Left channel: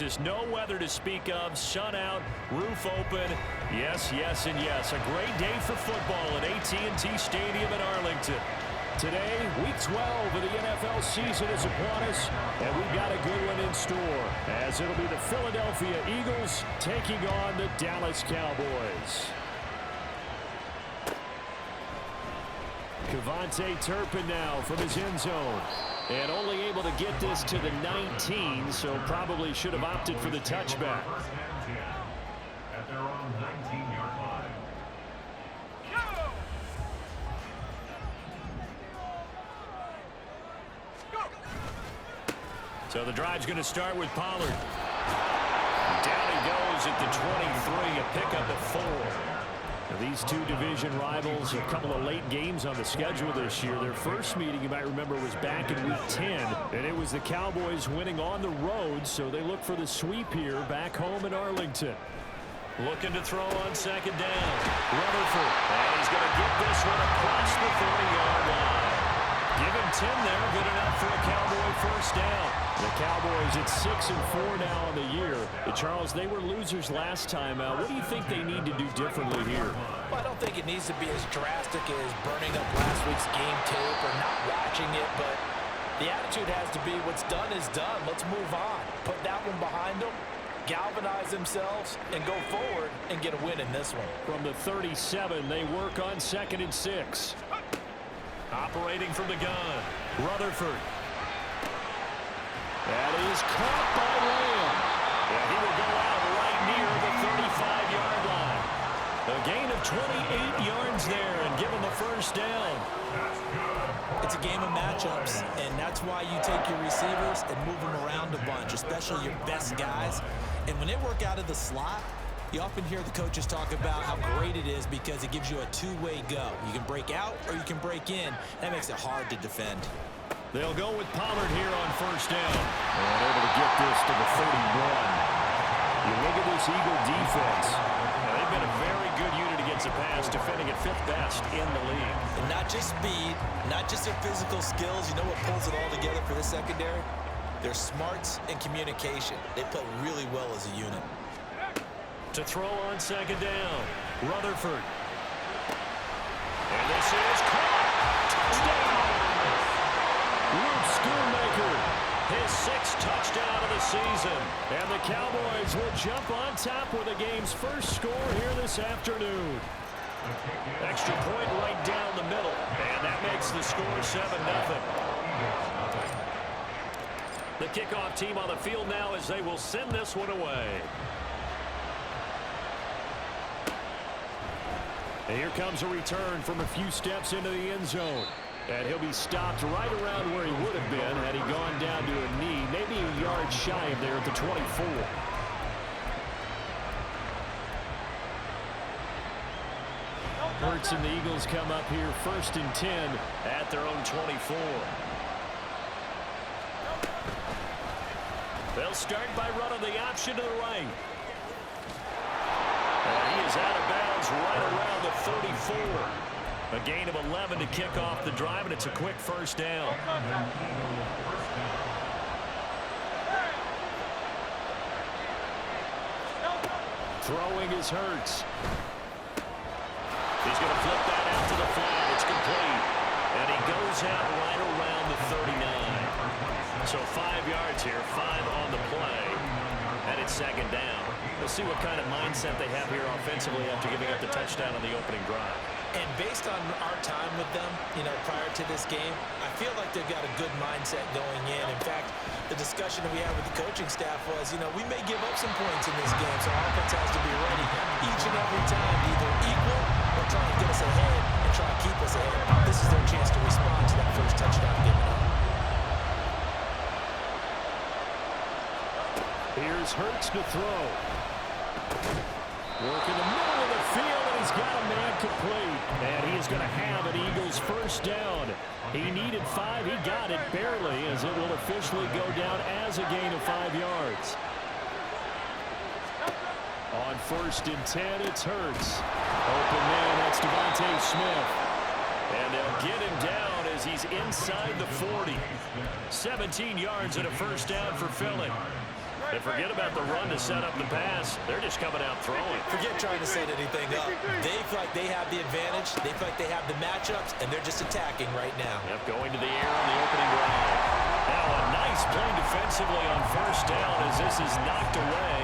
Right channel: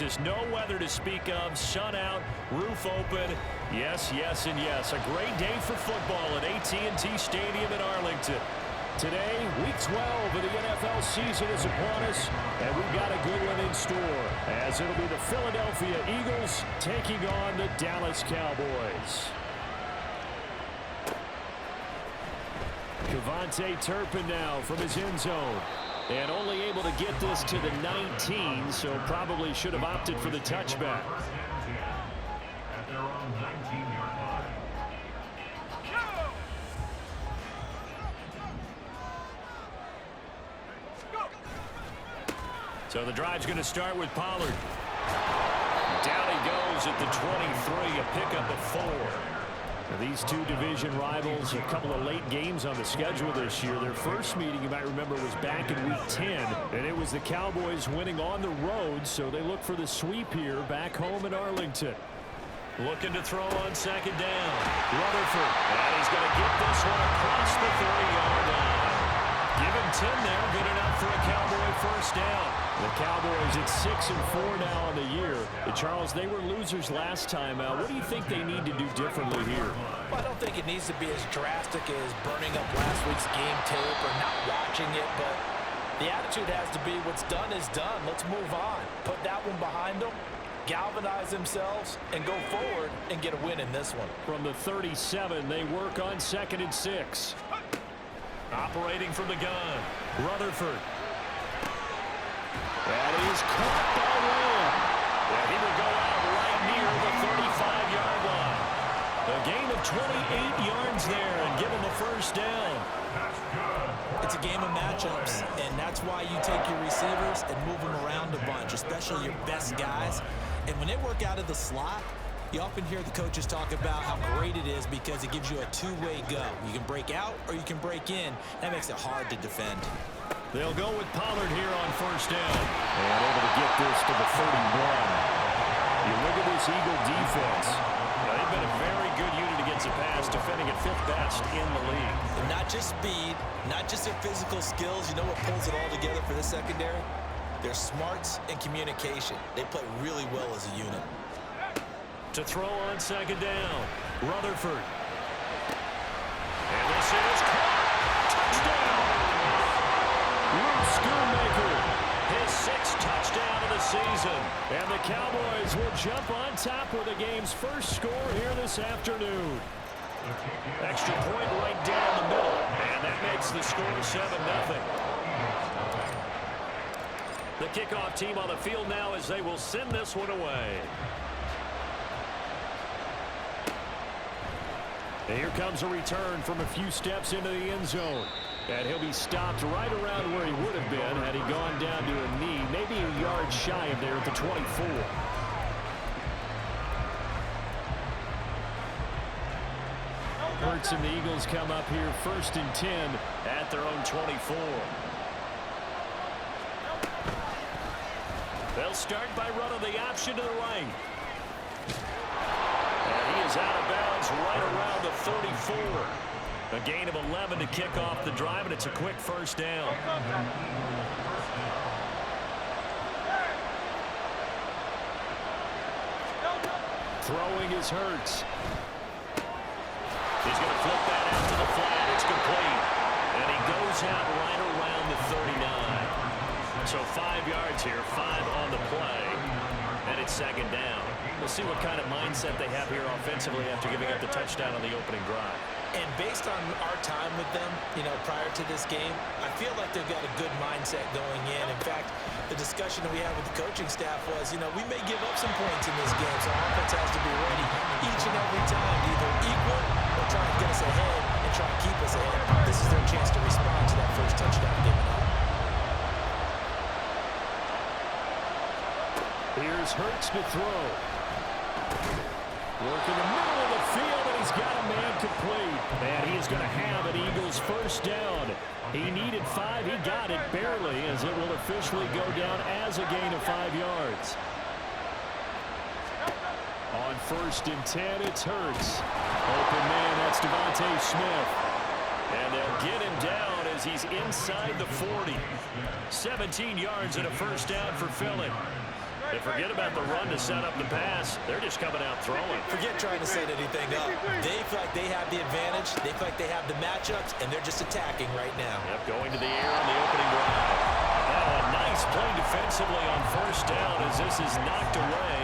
Texas. No weather to speak of. Sun out, roof open. Yes, yes, and yes. A great day for football at AT&T Stadium in Arlington. Today, Week 12 of the NFL season is upon us, and we've got a good one in store, as it'll be the Philadelphia Eagles taking on the Dallas Cowboys. Kevontae Turpin now from his end zone. And only able to get this to the 19, so probably should have opted for the touchback. At their own 19-yard line. So the drive's going to start with Pollard. Down he goes at the 23, a pickup of 4. Now these two division rivals, a couple of late games on the schedule this year. Their first meeting, you might remember, was back in Week 10, and it was the Cowboys winning on the road, so they look for the sweep here back home in Arlington. Looking to throw on second down. Rutherford, and he's going to get this one across the 30-yard line. Give him 10 there, good enough for a Cowboy first down. The Cowboys at 6-4 now on the year. And Charles, they were losers last time out. What do you think they need to do differently here? Well, I don't think it needs to be as drastic as burning up last week's game tape or not watching it, but the attitude has to be what's done is done. Let's move on. Put that one behind them, galvanize themselves, and go forward and get a win in this one. From the 37, they work on 2nd and 6. Operating from the gun, Rutherford. That is caught by Lamb. And he will go out right near the 35-yard line. A gain of 28 yards there and give him a first down. It's a game of matchups, and that's why you take your receivers and move them around a bunch, especially your best guys. And when they work out of the slot, you often hear the coaches talk about how great it is because it gives you a two-way go. You can break out or you can break in. That makes it hard to defend. They'll go with Pollard here on first down. And able to get this to the 31. You look at this Eagle defense. Now, they've been a very good unit against the pass, defending at 5th best in the league. And not just speed, not just their physical skills. You know what pulls it all together for this secondary? Their smarts and communication. They play really well as a unit. To throw on second down, Rutherford. And this is caught. Touchdown! Luke Schoonmaker, his 6th touchdown of the season. And the Cowboys will jump on top with the game's first score here this afternoon. Extra point right down the middle. And that makes the score 7-0. The kickoff team on the field now as they will send this one away. And here comes a return from a few steps into the end zone. And he'll be stopped right around where he would have been had he gone down to a knee, maybe a yard shy of there at the 24. Hurts and the Eagles come up here 1st and 10 at their own 24. They'll start by running the option to the right. And he is out of bounds right around the 34. A gain of 11 to kick off the drive, and it's a quick first down. Throwing is Hurts. He's going to flip that out to the flat. It's complete. And he goes out right around the 39. So 5 yards here, 5 on the play. And it's second down. We'll see what kind of mindset they have here offensively after giving up the touchdown on the opening drive. And based on our time with them, you know, prior to this game, I feel like they've got a good mindset going in. In fact, the discussion that we had with the coaching staff was, you know, we may give up some points in this game, so our offense has to be ready each and every time to either equal or try and get us ahead and try and keep us ahead. This is their chance to respond to that first touchdown given up. Here's Hurts to throw. Work in the middle of the field, and he's got a man complete. And he is going to have an Eagles first down. He needed 5. He got it barely, as it will officially go down as a gain of 5 yards. On 1st and 10, it's Hurts. Open man, that's Devontae Smith. And they'll get him down as he's inside the 40. 17 yards and a first down for Philly. They forget about the run to set up the pass. They're just coming out throwing. Forget trying to set anything up. They feel like they have the advantage. They feel like they have the matchups, and they're just attacking right now. Yep, going to the air on the opening drive. Now a nice play defensively on first down as this is knocked away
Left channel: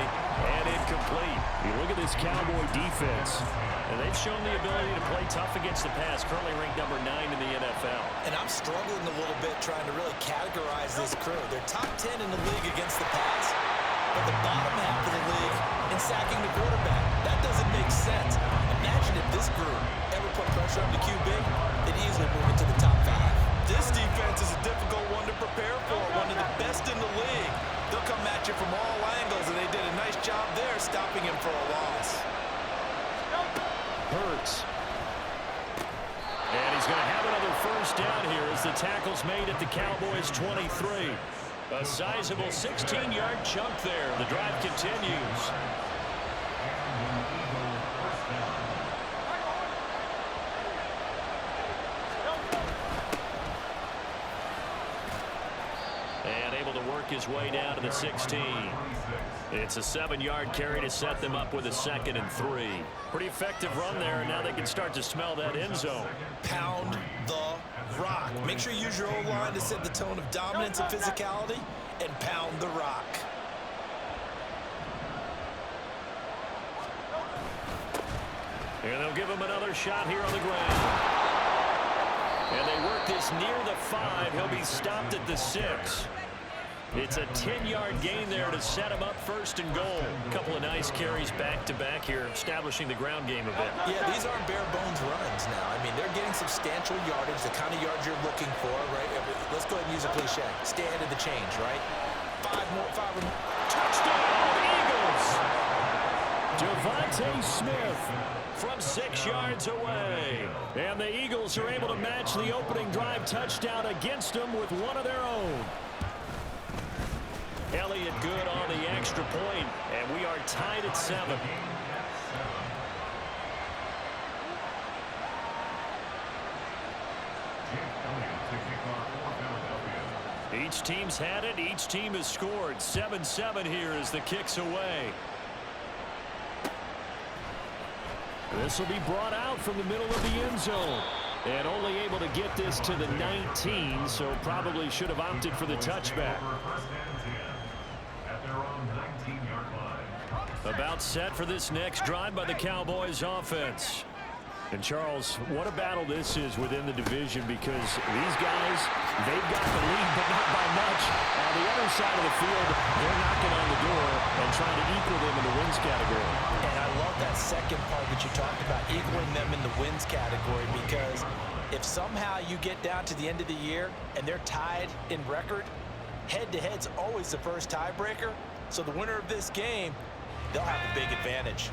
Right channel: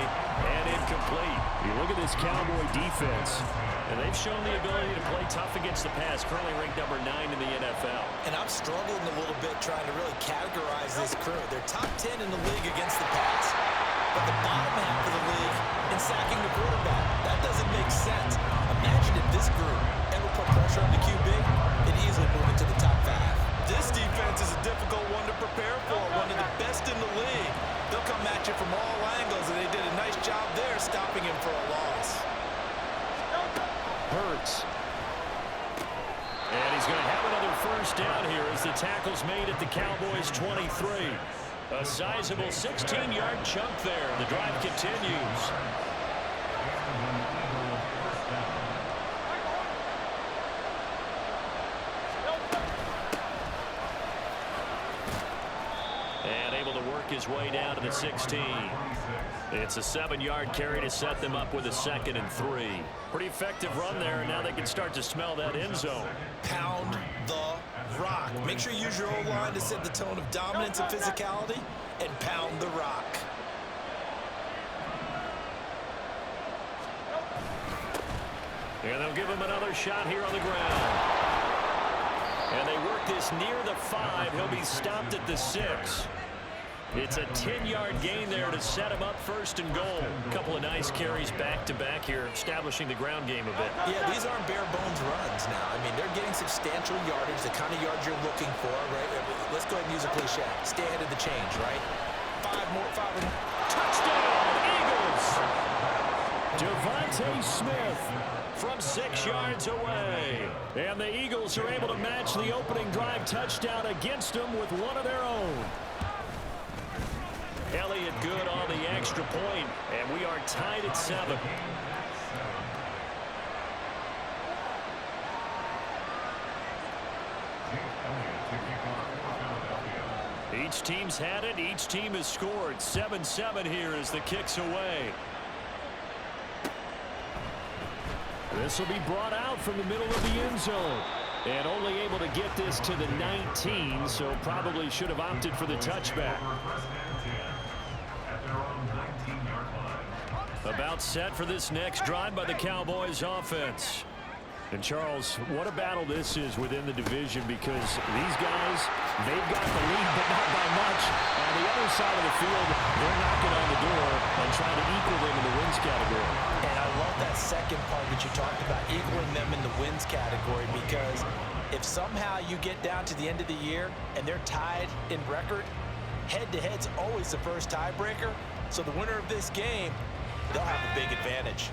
and incomplete. You look at this Cowboy defense, and they've shown the ability to play tough against the pass, currently ranked number 9 in the NFL. And I'm struggling a little bit trying to really categorize this crew. They're top 10 in the league against the pass, but the bottom half of the league in sacking the quarterback. That doesn't make sense. Imagine if this group ever put pressure on the QB, they'd easily move into the top 5. This defense is a difficult one to prepare for, one of the best in the league. They'll come at you from all angles, and they did a nice job there stopping him for a loss. Hurts. And he's going to have another first down here as the tackle's made at the Cowboys' 23. A sizable 16-yard chunk there. The drive continues. And able to work his way down to the 16. It's a 7-yard carry to set them up with a 2nd and 3. Pretty effective run there, and now they can start to smell that end zone. Pound the rock. Make sure you use your O-line to set the tone of dominance and physicality, and pound the rock. And they'll give him another shot here on the ground. And they work this near the 5. He'll be stopped at the 6. It's a 10-yard gain there to set him up 1st and goal. A couple of nice carries back-to-back here, establishing the ground game a bit. Yeah, these aren't bare-bones runs now. I mean, they're getting substantial yardage, the kind of yards you're looking for, right? Let's go ahead and use a cliche. Stay ahead of the change, right? 5 more. Touchdown, Eagles! Devontae Smith from 6 yards away. And the Eagles are able to match the opening drive touchdown against them with one of their own. Elliott good on the extra point, and we are tied at 7. Each team's had it. Each team has scored. 7-7 here as the kick's away. This will be brought out from the middle of the end zone. And only able to get this to the 19, so probably should have opted for the touchback. About set for this next drive by the Cowboys offense. And Charles, what a battle this is within the division, because these guys, they've got the lead, but not by much. On the other side of the field, they're knocking on the door and trying to equal them in the wins category. And I love that second part that you talked about, equaling them in the wins category, because if somehow you get down to the end of the year and they're tied in record, head-to-head's always the first tiebreaker. So the winner of this game, they'll have a big advantage.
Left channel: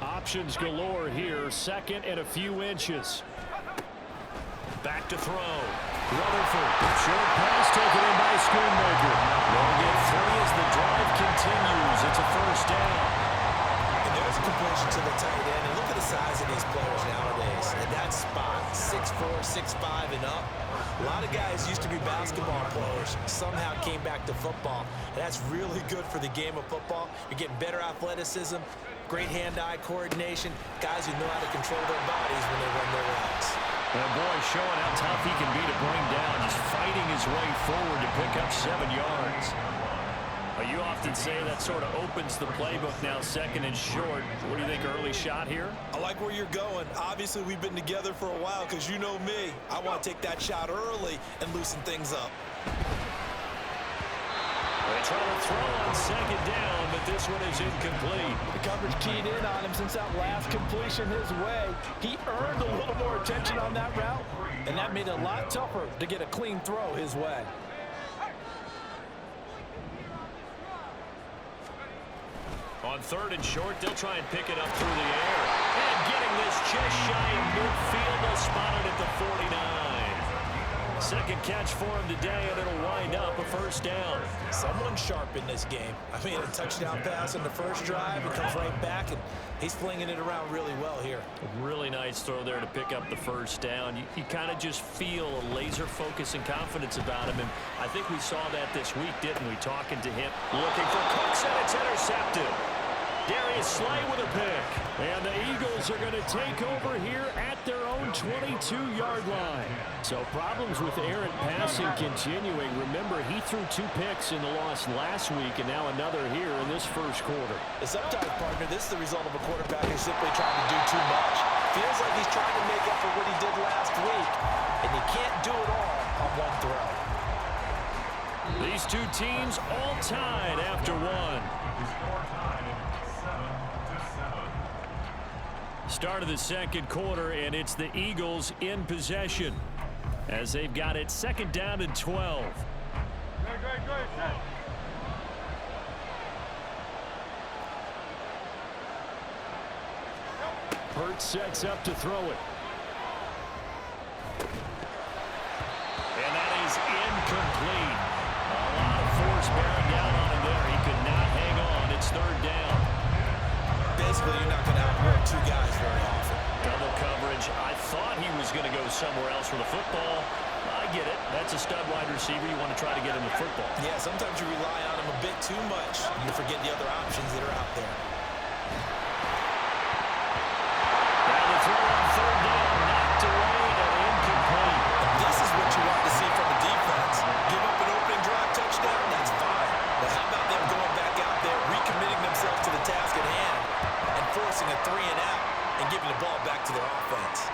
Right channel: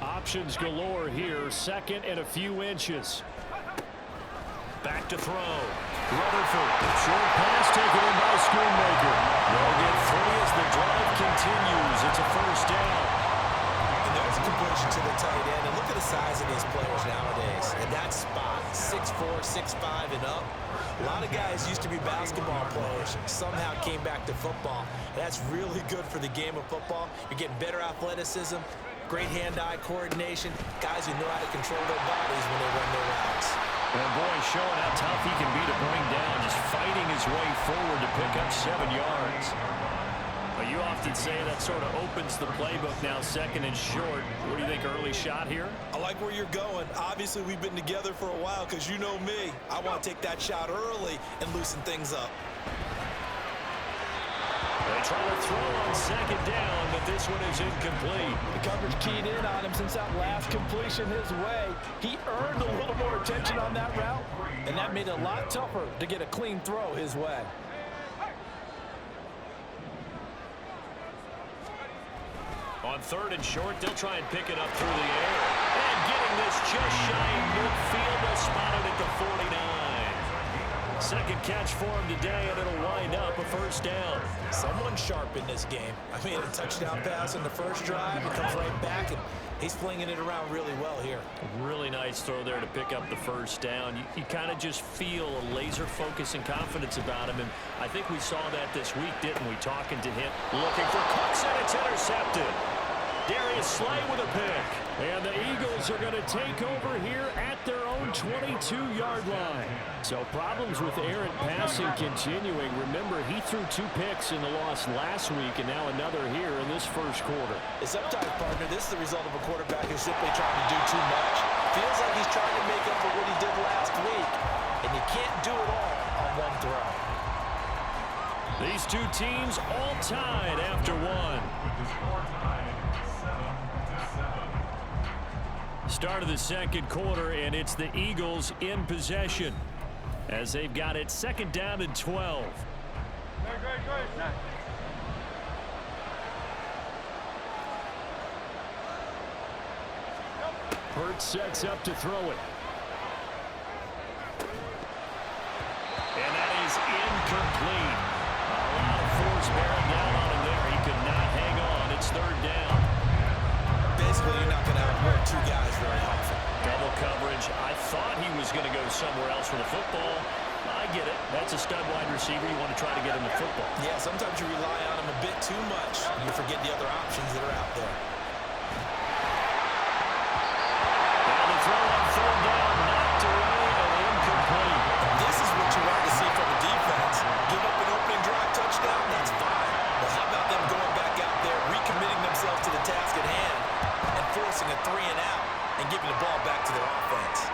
Options galore here. 2nd and a few inches. Back to throw. Rutherford. Short pass taken in by Schoonmaker. They'll get 3 as the drive continues. It's a first down. And there's a completion to the tight end. And look at the size of these players nowadays. At that spot, 6'4", 6'5", and up. A lot of guys used to be basketball players, somehow came back to football. And that's really good for the game of football. You're getting better athleticism, great hand-eye coordination, guys who know how to control their bodies when they run their routes. And boy, showing how tough he can be to bring down, just fighting his way forward to pick up 7 yards. But you often say that sort of opens the playbook now, 2nd and short. What do you think, early shot here? I like where you're going. Obviously, we've been together for a while, because you know me. I want to take that shot early and loosen things up. They try to throw on 2nd down, but this one is incomplete. The coverage keyed in on him since that last completion his way. He earned a little more attention on that route, and that made it a lot tougher to get a clean throw his way. On 3rd and short, they'll try and pick it up through the air. And getting this just shy of midfield, they'll spot it at the 49. Second catch for him today, and it'll wind up a first down. Someone sharp in this game. I mean, a touchdown pass in the first drive. He comes right back, and he's flinging it around really well here. A really nice throw there to pick up the first down. You kind of just feel a laser focus and confidence about him, and I think we saw that this week, didn't we? Talking to him, looking for Cooks, and it's intercepted. Darius Slay with a pick. And the Eagles are going to take over here at their own 22-yard line. So problems with errant passing continuing. Remember, he threw 2 picks in the loss last week, and now another here in this first quarter. Sometimes, partner, this is the result of a quarterback who's simply trying to do too much. Feels like he's trying to make up for what he did last week, and you can't do it all on one throw. These two teams all tied after one. With the score tied 7-7. Start of the second quarter, and it's the Eagles in possession as they've got it second down and 12. Hurts sets up to throw it. And that is incomplete. A lot of force bearing down on him there. He could not hang on. It's third down. Basically, you're not going to outwork 2 guys very often. Double coverage. I thought he was going to go somewhere else with the football. I get it. That's a stud wide receiver. You want to try to get him the football. Yeah, sometimes you rely on him a bit too much. You forget the other options that are out there. Now the throw on third down, knocked away and incomplete. This is what you want to see from a defense. Give up an opening drive touchdown, that's fine. But how about them going back out there, recommitting themselves to the task at hand, and forcing a 3 and out and giving the ball back to their offense.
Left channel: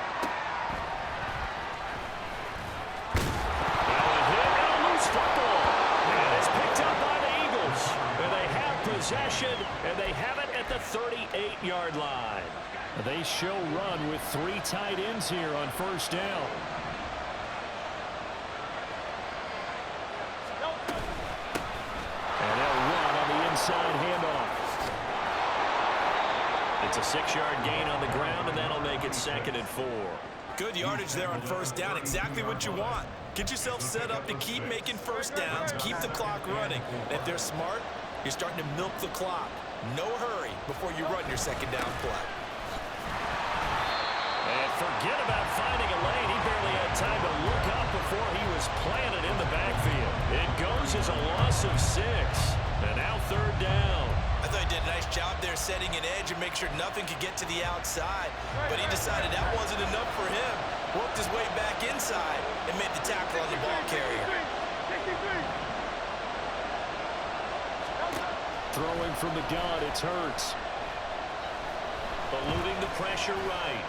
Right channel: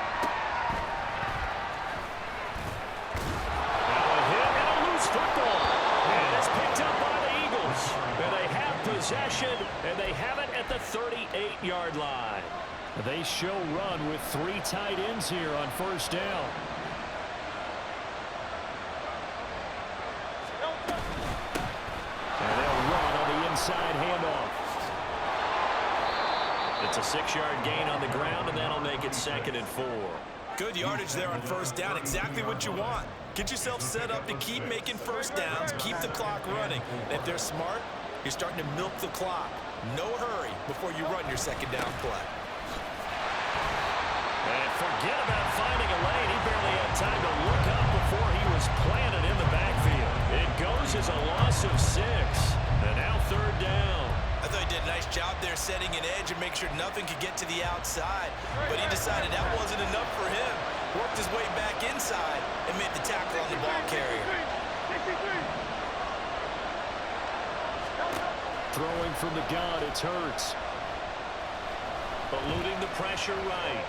Now a hit and a loose football. And it's picked up by the Eagles. And they have possession, and they have it at the 38-yard line. They show run with 3 tight ends here on first down. And they'll run on the inside handoff. It's a 6-yard gain on the ground, and that'll make it 2nd and 4. Good yardage there on first down. Exactly what you want. Get yourself set up to keep making first downs, keep the clock running. And if they're smart, you're starting to milk the clock. No hurry before you run your second down play. And forget about finding a lane. He barely had time to look up before he was planted in the backfield. It goes as a loss of 6. And now third down. I thought he did a nice job there setting an edge and make sure nothing could get to the outside. But he decided that wasn't enough for him. Worked his way back inside and made the tackle on the ball carrier. Throwing from the gun, it's Hurts. Eluding the pressure right.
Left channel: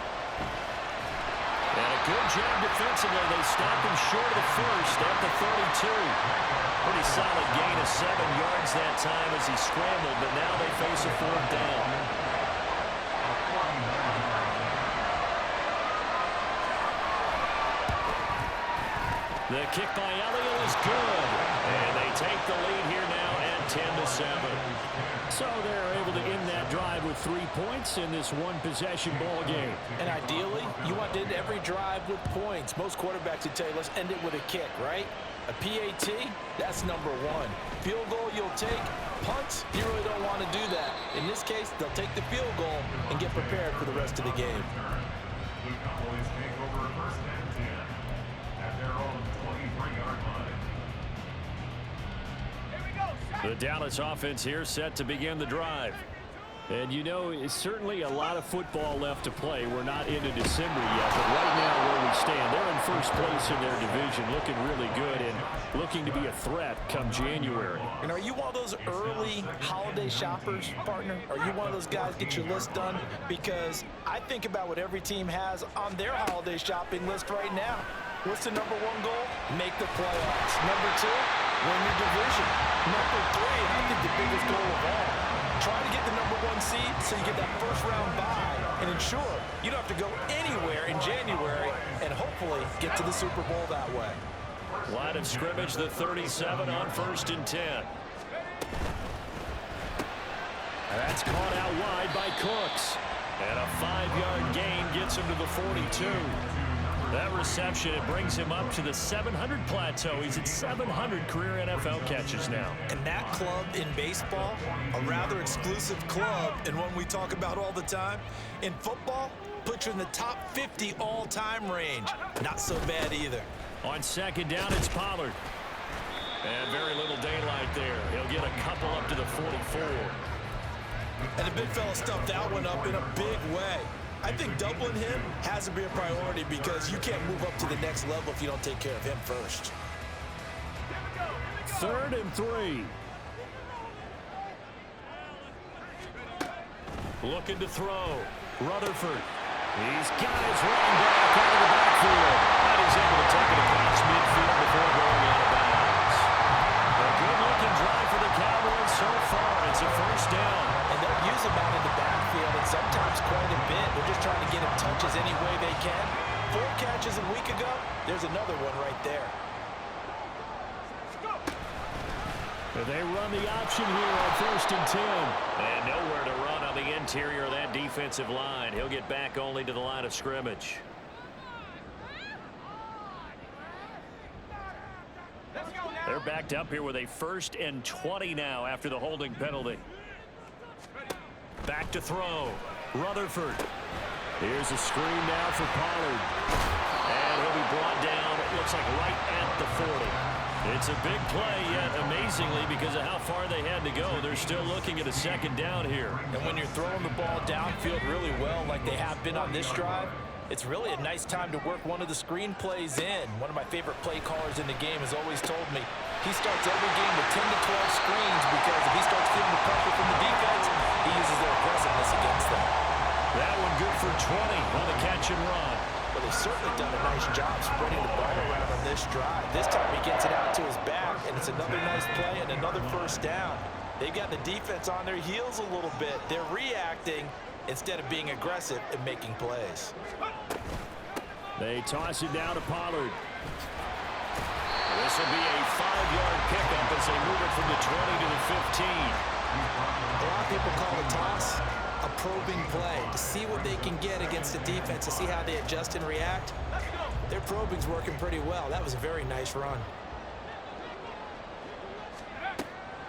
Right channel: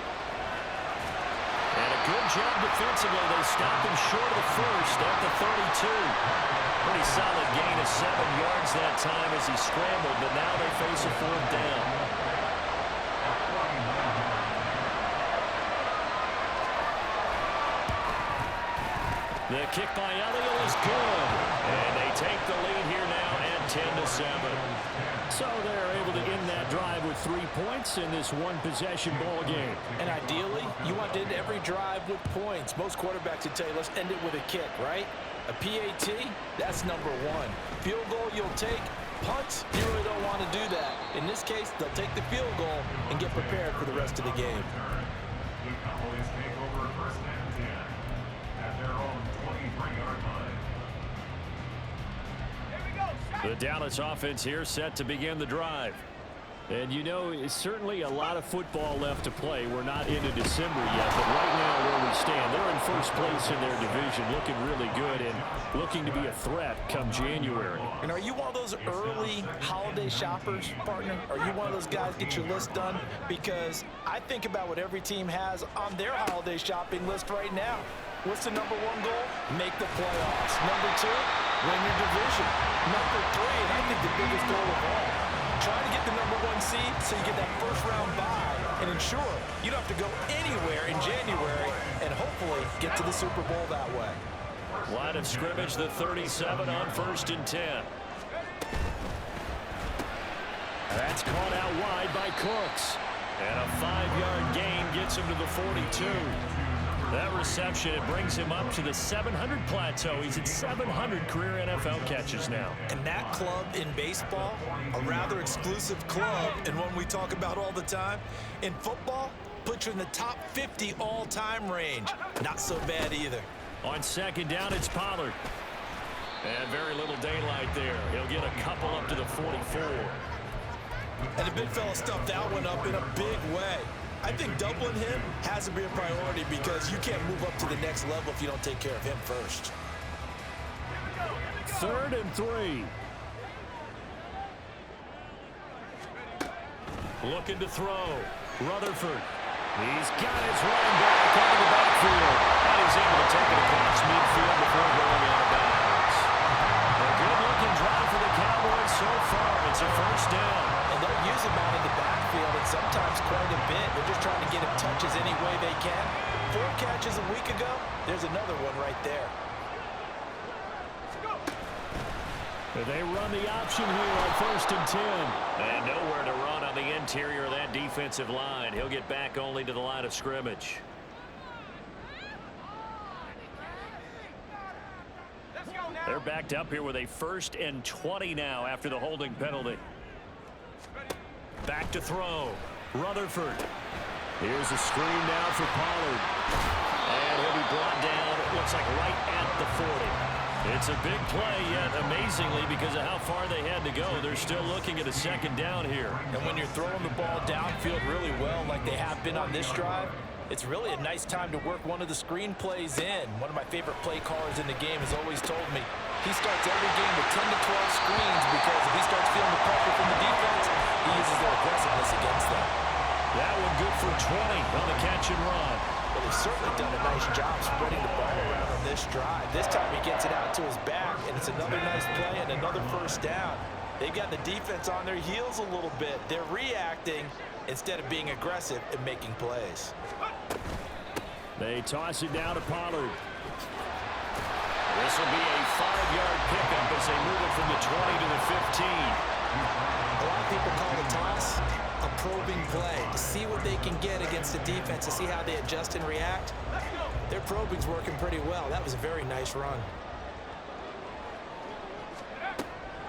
And a good job defensively. They stopped him short of the first at the 32. Pretty solid gain of 7 yards that time as he scrambled, but now they face a 4th down. The kick by Elliott is good. And they take the lead here now at 10-7. So they're able to end that drive with 3 points in this one-possession ball game. And ideally, you want to end every drive with points. Most quarterbacks would tell you, let's end it with a kick, right? A PAT, that's number 1. Field goal you'll take. Punts, you really don't want to do that. In this case, they'll take the field goal and get prepared for the rest of the game. The Cowboys take over first and 10 at their own 23-yard line. The Dallas offense here set to begin the drive. And you know, it's certainly a lot of football left to play. We're not into December yet, but right now where we stand, they're in first place in their division, looking really good and looking to be a threat come January. And are you one of those early holiday shoppers, partner? Are you one of those guys get your list done? Because I think about what every team has on their holiday shopping list right now. What's the number 1 goal? Make the playoffs. Number 2, win your division. Number 3, and I think the biggest goal of all, try to get the number 1 seed so you get that first-round bye and ensure you don't have to go anywhere in January and hopefully get to the Super Bowl that way. Line of scrimmage, the 37 on first and 10. That's caught out wide by Cooks. And a 5-yard gain gets him to the 42. That reception, it brings him up to the 700 plateau. He's at 700 career NFL catches now. And that club in baseball, a rather exclusive club, and one we talk about all the time. In football, puts you in the top 50 all-time range. Not so bad either. On second down, it's Pollard. And very little daylight there. He'll get a couple up to the 44. And the big fella stuffed that one up in a big way. I think doubling him has to be a priority because you can't move up to the next level if you don't take care of him first. 3rd and 3. Looking to throw. Rutherford. He's got his running back out of the backfield. And he's able to take it across midfield before going out of bounds. A good-looking drive for the Cowboys so far. It's a first down. And they'll use him out in the backfield and sometimes quite a bit. They're just trying to get him touches any way they can. 4 catches a week ago. There's another one right there. They run the option here on 1st and 10. And nowhere to run on the interior of that defensive line. He'll get back only to the line of scrimmage. They're backed up here with a 1st and 20 now after the holding penalty. Back to throw. Rutherford. Here's a screen now for Pollard. And he'll be brought down, it looks like right at the 40. It's a big play, yet amazingly, because of how far they had to go, they're still looking at a 2nd down here. And when you're throwing the ball downfield really well like they have been on this drive, it's really a nice time to work one of the screen plays in. One of my favorite play callers in the game has always told me he starts every game with 10 to 12 screens because if he starts feeling the pressure from the defense, he uses their aggressiveness against them. That one good for 20 on the catch and run. Well, they've certainly done a nice job spreading the ball around on this drive. This time he gets it out to his back, and it's another nice play and another first down. They've got the defense on their heels a little bit. They're reacting instead of being aggressive and making plays. They toss it down to Pollard. This will be a 5-yard pickup as they move it from the 20 to the 15. A lot of people call the toss a probing play to see what they can get against the defense, to see how they adjust and react. Their probing's working pretty well. That was a very nice run.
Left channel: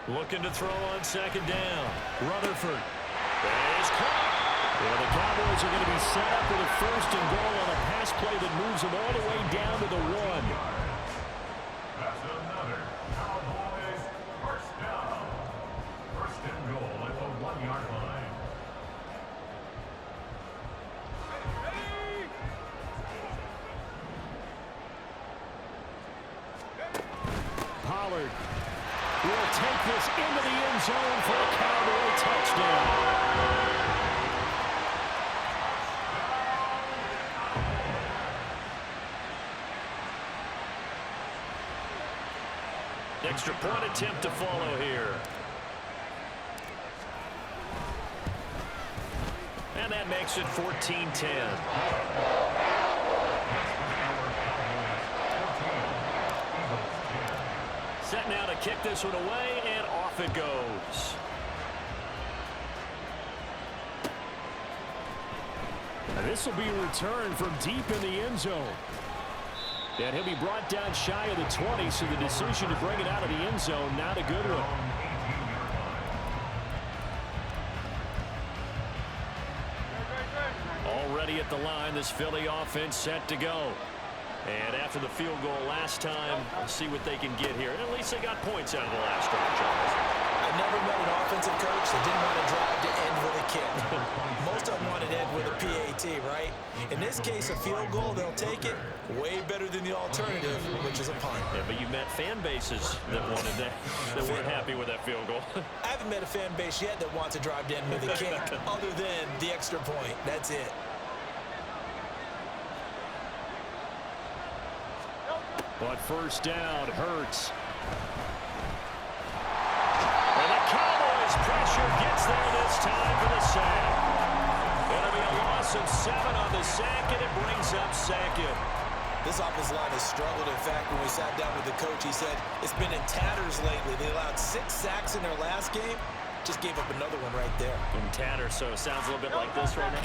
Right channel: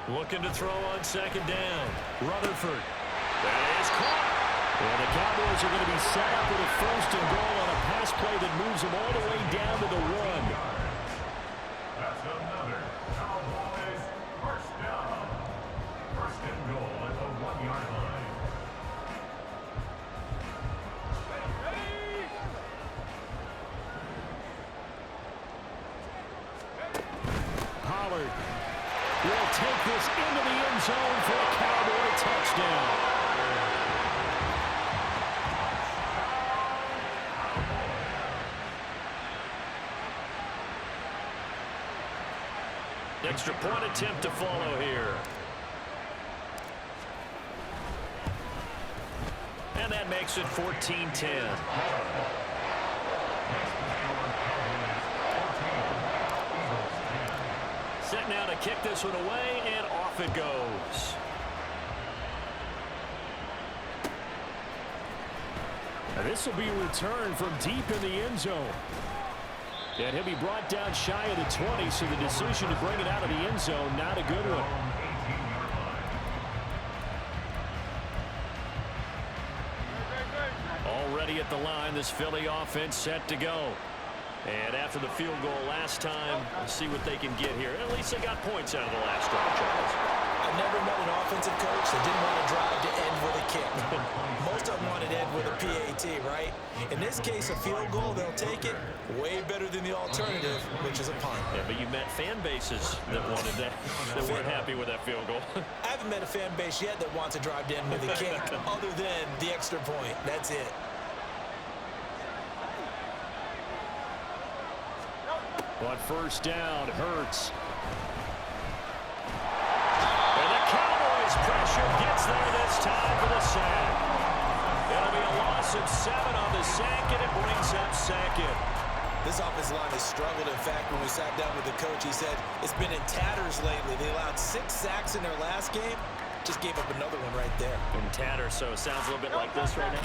Looking to throw on 2nd down. Rutherford. That is caught. And the Cowboys are going to be set up with a 1st and goal on a pass play that moves them all the way down to the 1. That's another Cowboys 1st down. 1st and goal at the 1-yard line. Pollard will take this into the end zone for a Cowboy touchdown. Extra point attempt to follow here. And that makes it 14-10. Set now to kick this one away, and off it goes. And this will be a return from deep in the end zone. And he'll be brought down shy of the 20, so the decision to bring it out of the end zone, not a good one. Already at the line, this Philly offense set to go. And after the field goal last time, we'll see what they can get here. At least they got points out of the last drive, Charles. I never met an offensive coach that didn't want to drive to end with a kick. Most of them want to end with a PAT, right? In this case, a field goal, they'll take it. Way better than the alternative, which is a punt. Yeah, but you met fan bases that wanted that, that weren't happy with that field goal. I haven't met a fan base yet that wants to drive to end with a kick, other than the extra point. That's it. But 1st down, Hurts. And the Cowboys' pressure gets there this time for the sack. It'll be a loss of 7 on the sack, and it brings up 2nd. This offensive line has struggled. In fact, when we sat down with the coach, he said it's been in tatters lately. They allowed 6 sacks in their last game. Just gave up another one right there. In tatters, so it sounds a little bit like this right now.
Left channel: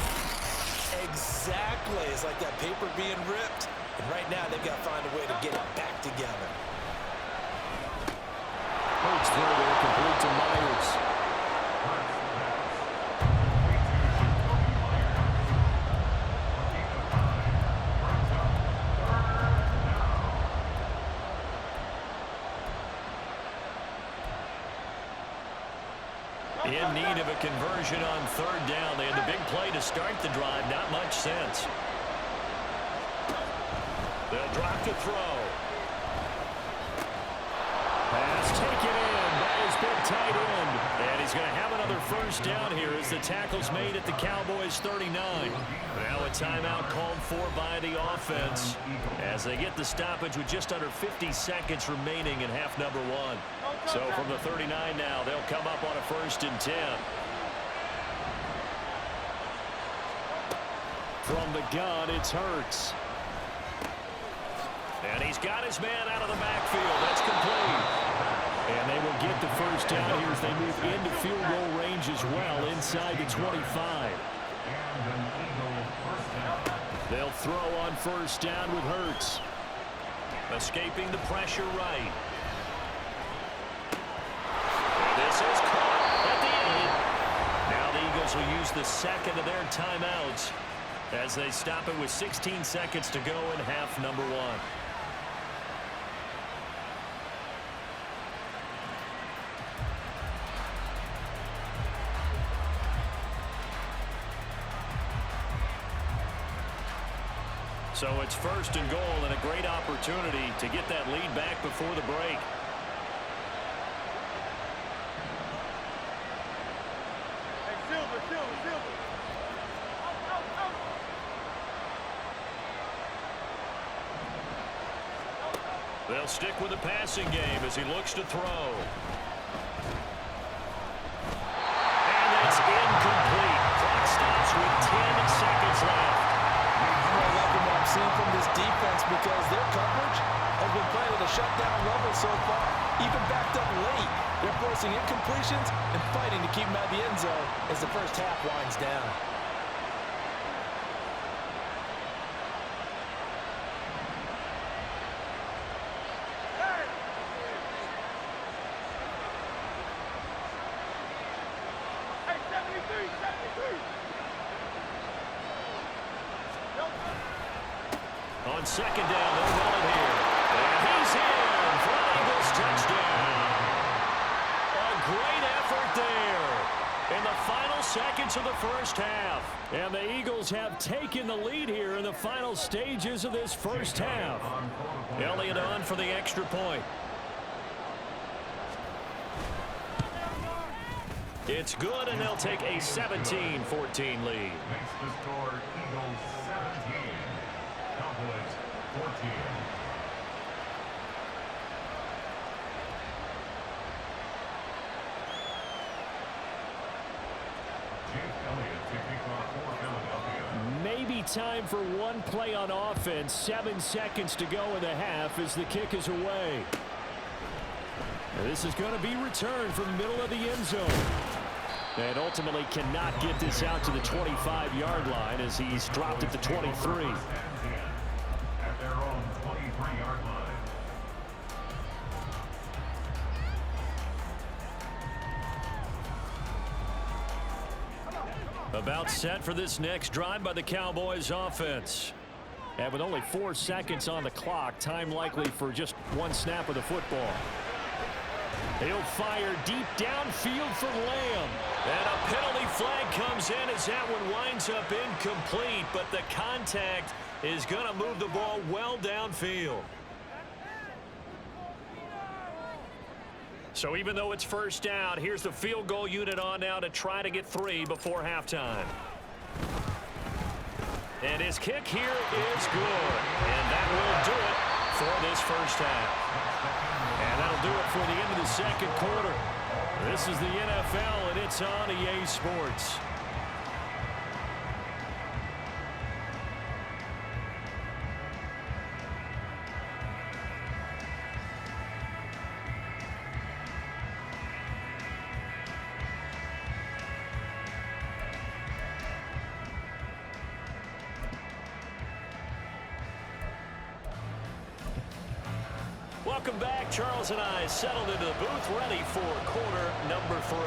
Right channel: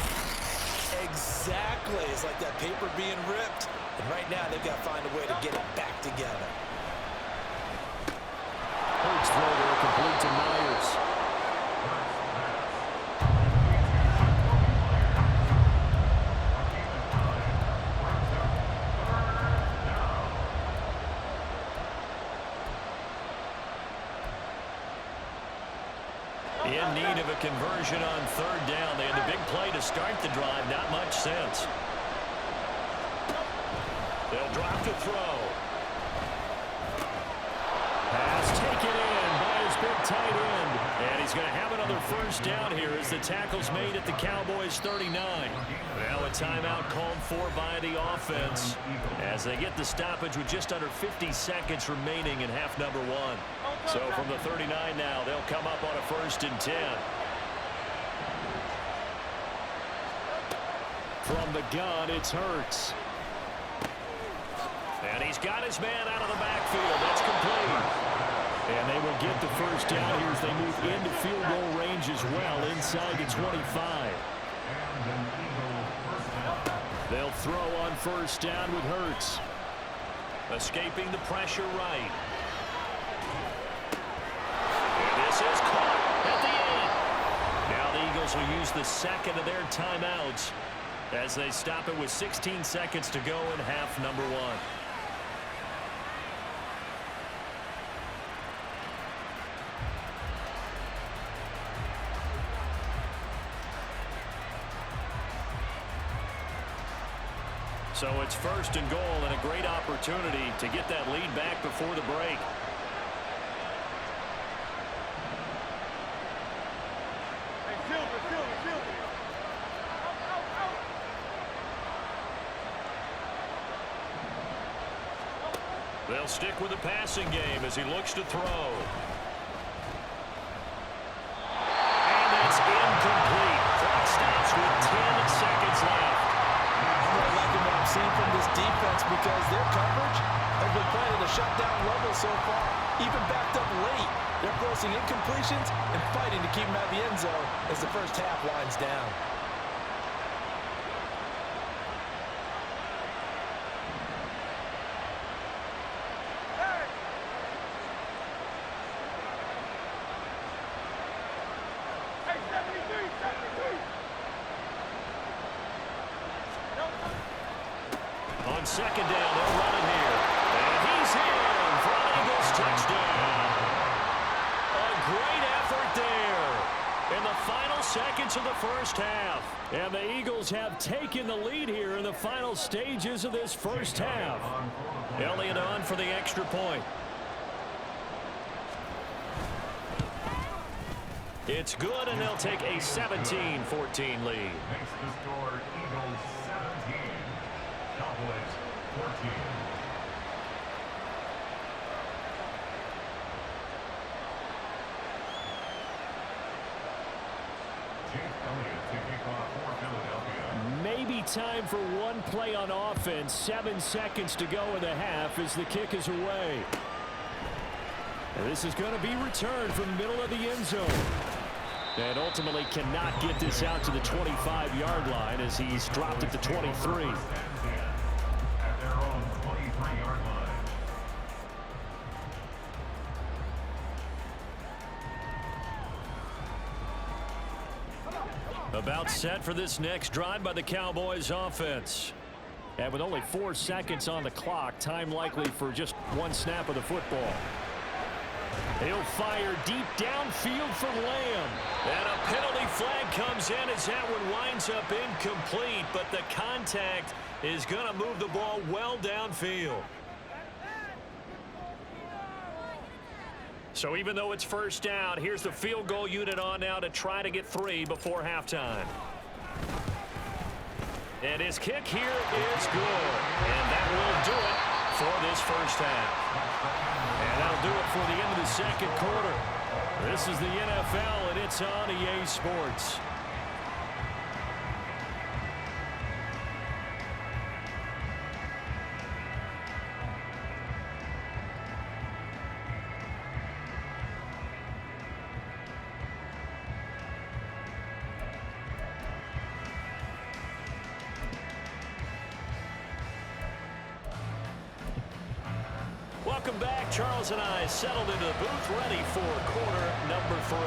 Exactly. It's like that paper being ripped. And right now, they've got to find a way to get it back together. Hurts throw there, complete to Myers. In need of a conversion on third down. They had the big play to start the drive. Not much sense. They'll drop to throw. Pass taken in by his big tight end. And he's going to have another first down here as the tackle's made at the Cowboys' 39. Now a timeout called for by the offense as they get the stoppage with just under 50 seconds remaining in half number one. So from the 39 now, they'll come up on a 1st and 10. From the gun, it's Hurts. And he's got his man out of the backfield. That's complete. And they will get the first down here as they move into field goal range as well inside the 25. They'll throw on first down with Hurts. Escaping the pressure right. And this is caught at the end. Now the Eagles will use the second of their timeouts as they stop it with 16 seconds to go in half number one. So it's 1st and goal and a great opportunity to get that lead back before the break. Hey, Silver. Out. They'll stick with the passing game as he looks to throw. And that's incomplete. Clock stops with 10 seconds left. I'm liking what I'm seeing from this defense because their coverage has been playing at a shutdown level so far. Even backed up late, they're forcing incompletions and fighting to keep them out of the end zone as the first half winds down. Hey, 73. On second down, they'll run it here. And he's in for an Eagles touchdown. A great effort there in the final seconds of the first half. And the Eagles have taken the lead here in the final stages of this first half. Elliott on for the extra point. It's good, and they'll take a 17-14 lead. Makes the score Eagles 17. Cowboys 14. Jake Elliott to kick off for Philadelphia. Maybe time for one play on offense. 7 seconds to go in the half as the kick is away. And this is going to be returned from the middle of the end zone. And ultimately cannot get this out to the 25-yard line as he's dropped at the 23. At their own 23-yard line. About set for this next drive by the Cowboys offense. And with only 4 seconds on the clock, time likely for just one snap of the football. He'll fire deep downfield for Lamb. And a penalty flag comes in as that one winds up incomplete. But the contact is going to move the ball well downfield. So even though it's first down, here's the field goal unit on now to try to get 3 before halftime. And his kick here is good. And that will do it for this first half. And that'll do it for the end of the second quarter. This is the NFL, and it's on EA Sports. welcome back. Charles and I settled into the booth, ready for quarter number 3.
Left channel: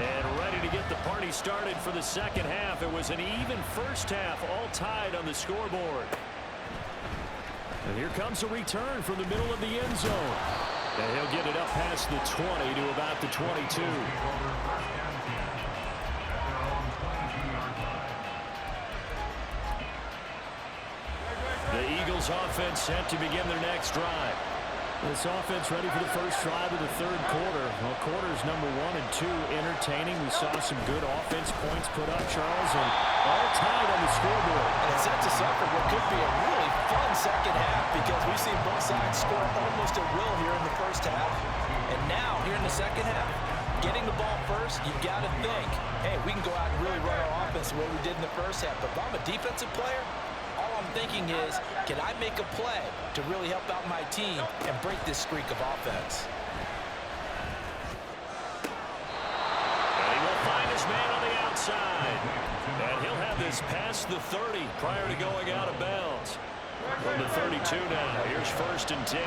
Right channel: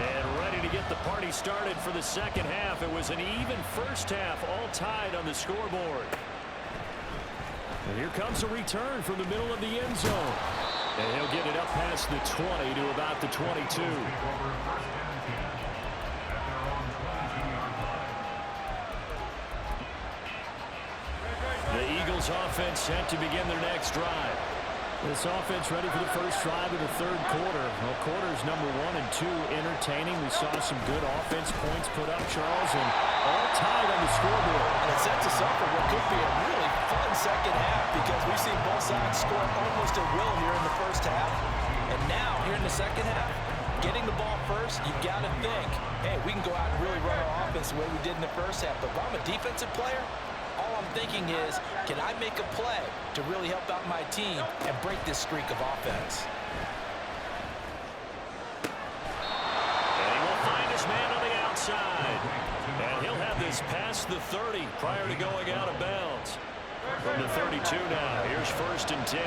And ready to get the party started for the second half. It was an even first half, all tied on the scoreboard. And here comes a return from the middle of the end zone. And he'll get it up past the 20 to about the 22. The Eagles offense set to begin their next drive. This offense ready for the first drive of the third quarter. Well, quarters number 1 and 2 entertaining. We saw some good offense points put up, Charles, and all tied on the scoreboard. And it sets us up for what could be a really fun second half because we've seen both sides score almost at will here in the first half. And now, here in the second half, getting the ball first, you've got to think, hey, we can go out and really run our offense the way we did in the first half. But if I'm a defensive player, all I'm thinking is, can I make a play to really help out my team and break this streak of offense? And he will find his man on the outside. And he'll have this past the 30 prior to going out of bounds. From the 32 now, here's 1st and 10.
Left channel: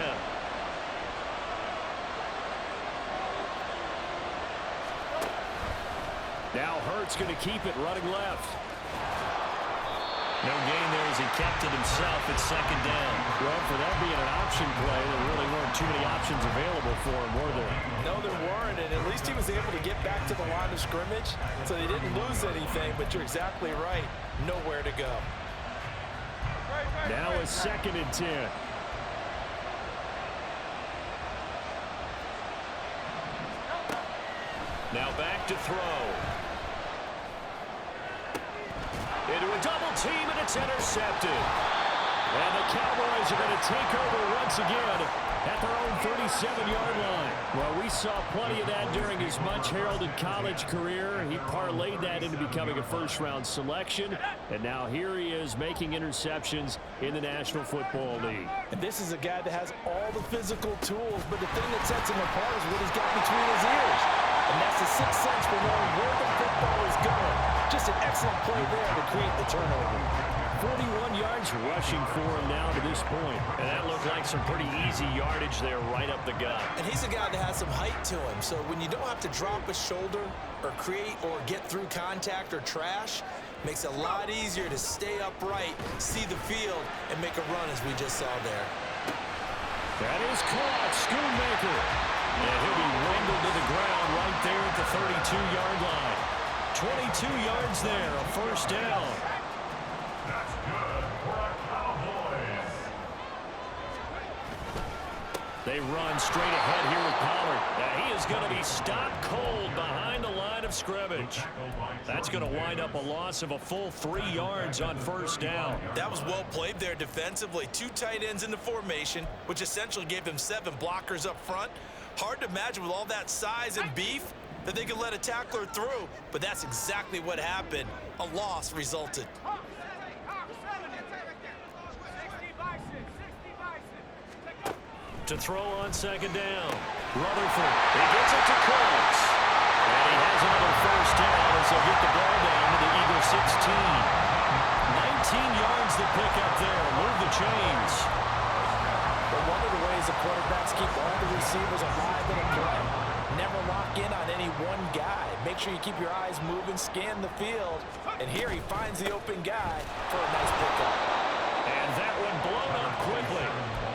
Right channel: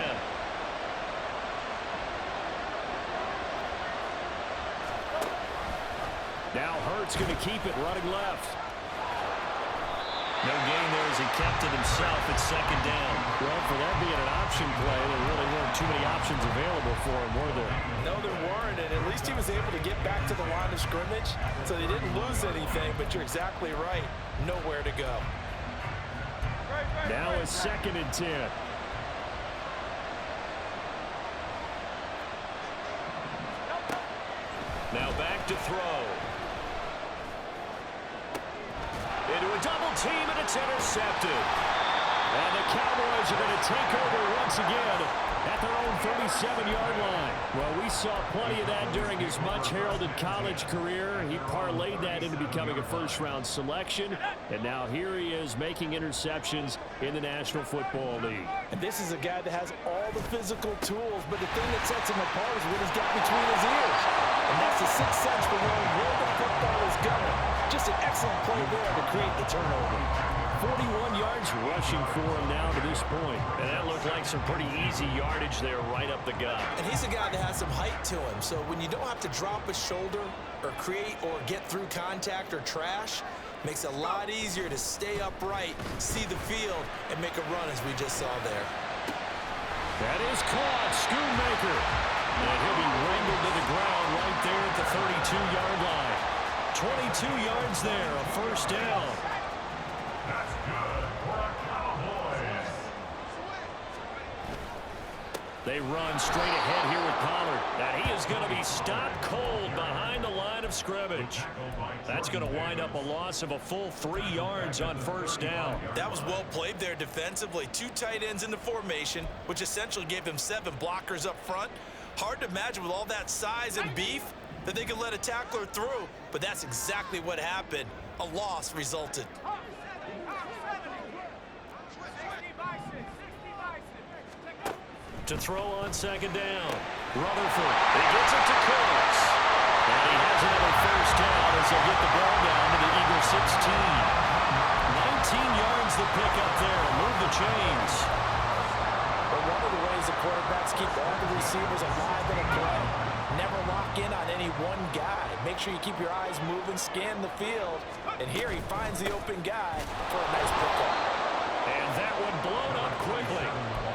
Now Hurts going to keep it running left. No gain there as he kept it himself at second down. Well, for that being an option play, there really weren't too many options available for him, were there? No, there weren't, and at least he was able to get back to the line of scrimmage, so they didn't lose anything, but you're exactly right. Nowhere to go. Now it's 2nd and 10. Now back to throw. Into a double team, and it's intercepted. And the Cowboys are going to take over once again at their own 37-yard line. Well, we saw plenty of that during his much-heralded college career. He parlayed that into becoming a first-round selection. And now here he is making interceptions in the National Football League. And this is a guy that has all the physical tools, but the thing that sets him apart is what he's got between his ears. And that's the sixth sense for knowing where the football is going. Just an excellent play there to create the turnover. 41 yards rushing for him now to this point. And that looked like some pretty easy yardage there right up the gut. And he's a guy that has some height to him. So when you don't have to drop a shoulder or create or get through contact or trash, makes it a lot easier to stay upright, see the field, and make a run as we just saw there. That is caught. Schoonmaker. And he'll be wrangled to the ground right there at the 32-yard line. 22 yards there, a first down. That's good for the Cowboys. They run straight ahead here with Pollard. Now he is going to be stopped cold behind the line of scrimmage. That's going to wind up a loss of a full 3 yards on first down. That was well played there defensively. 2 tight ends in the formation, which essentially gave him 7 blockers up front. Hard to imagine with all that size and beef that they could let a tackler through, but that's exactly what happened. A loss resulted. To throw on second down. Rutherford. He gets it to Cooks. And he has another first down as they'll get the ball down to the Eagles 16. 19 yards to pick up there. Move the chains. But one of the ways the quarterbacks keep all the receivers alive in a play, never lock in on any one guy. Make sure you keep your eyes moving, scan the field, and here he finds the open guy for a nice pickup. And that one blown up quickly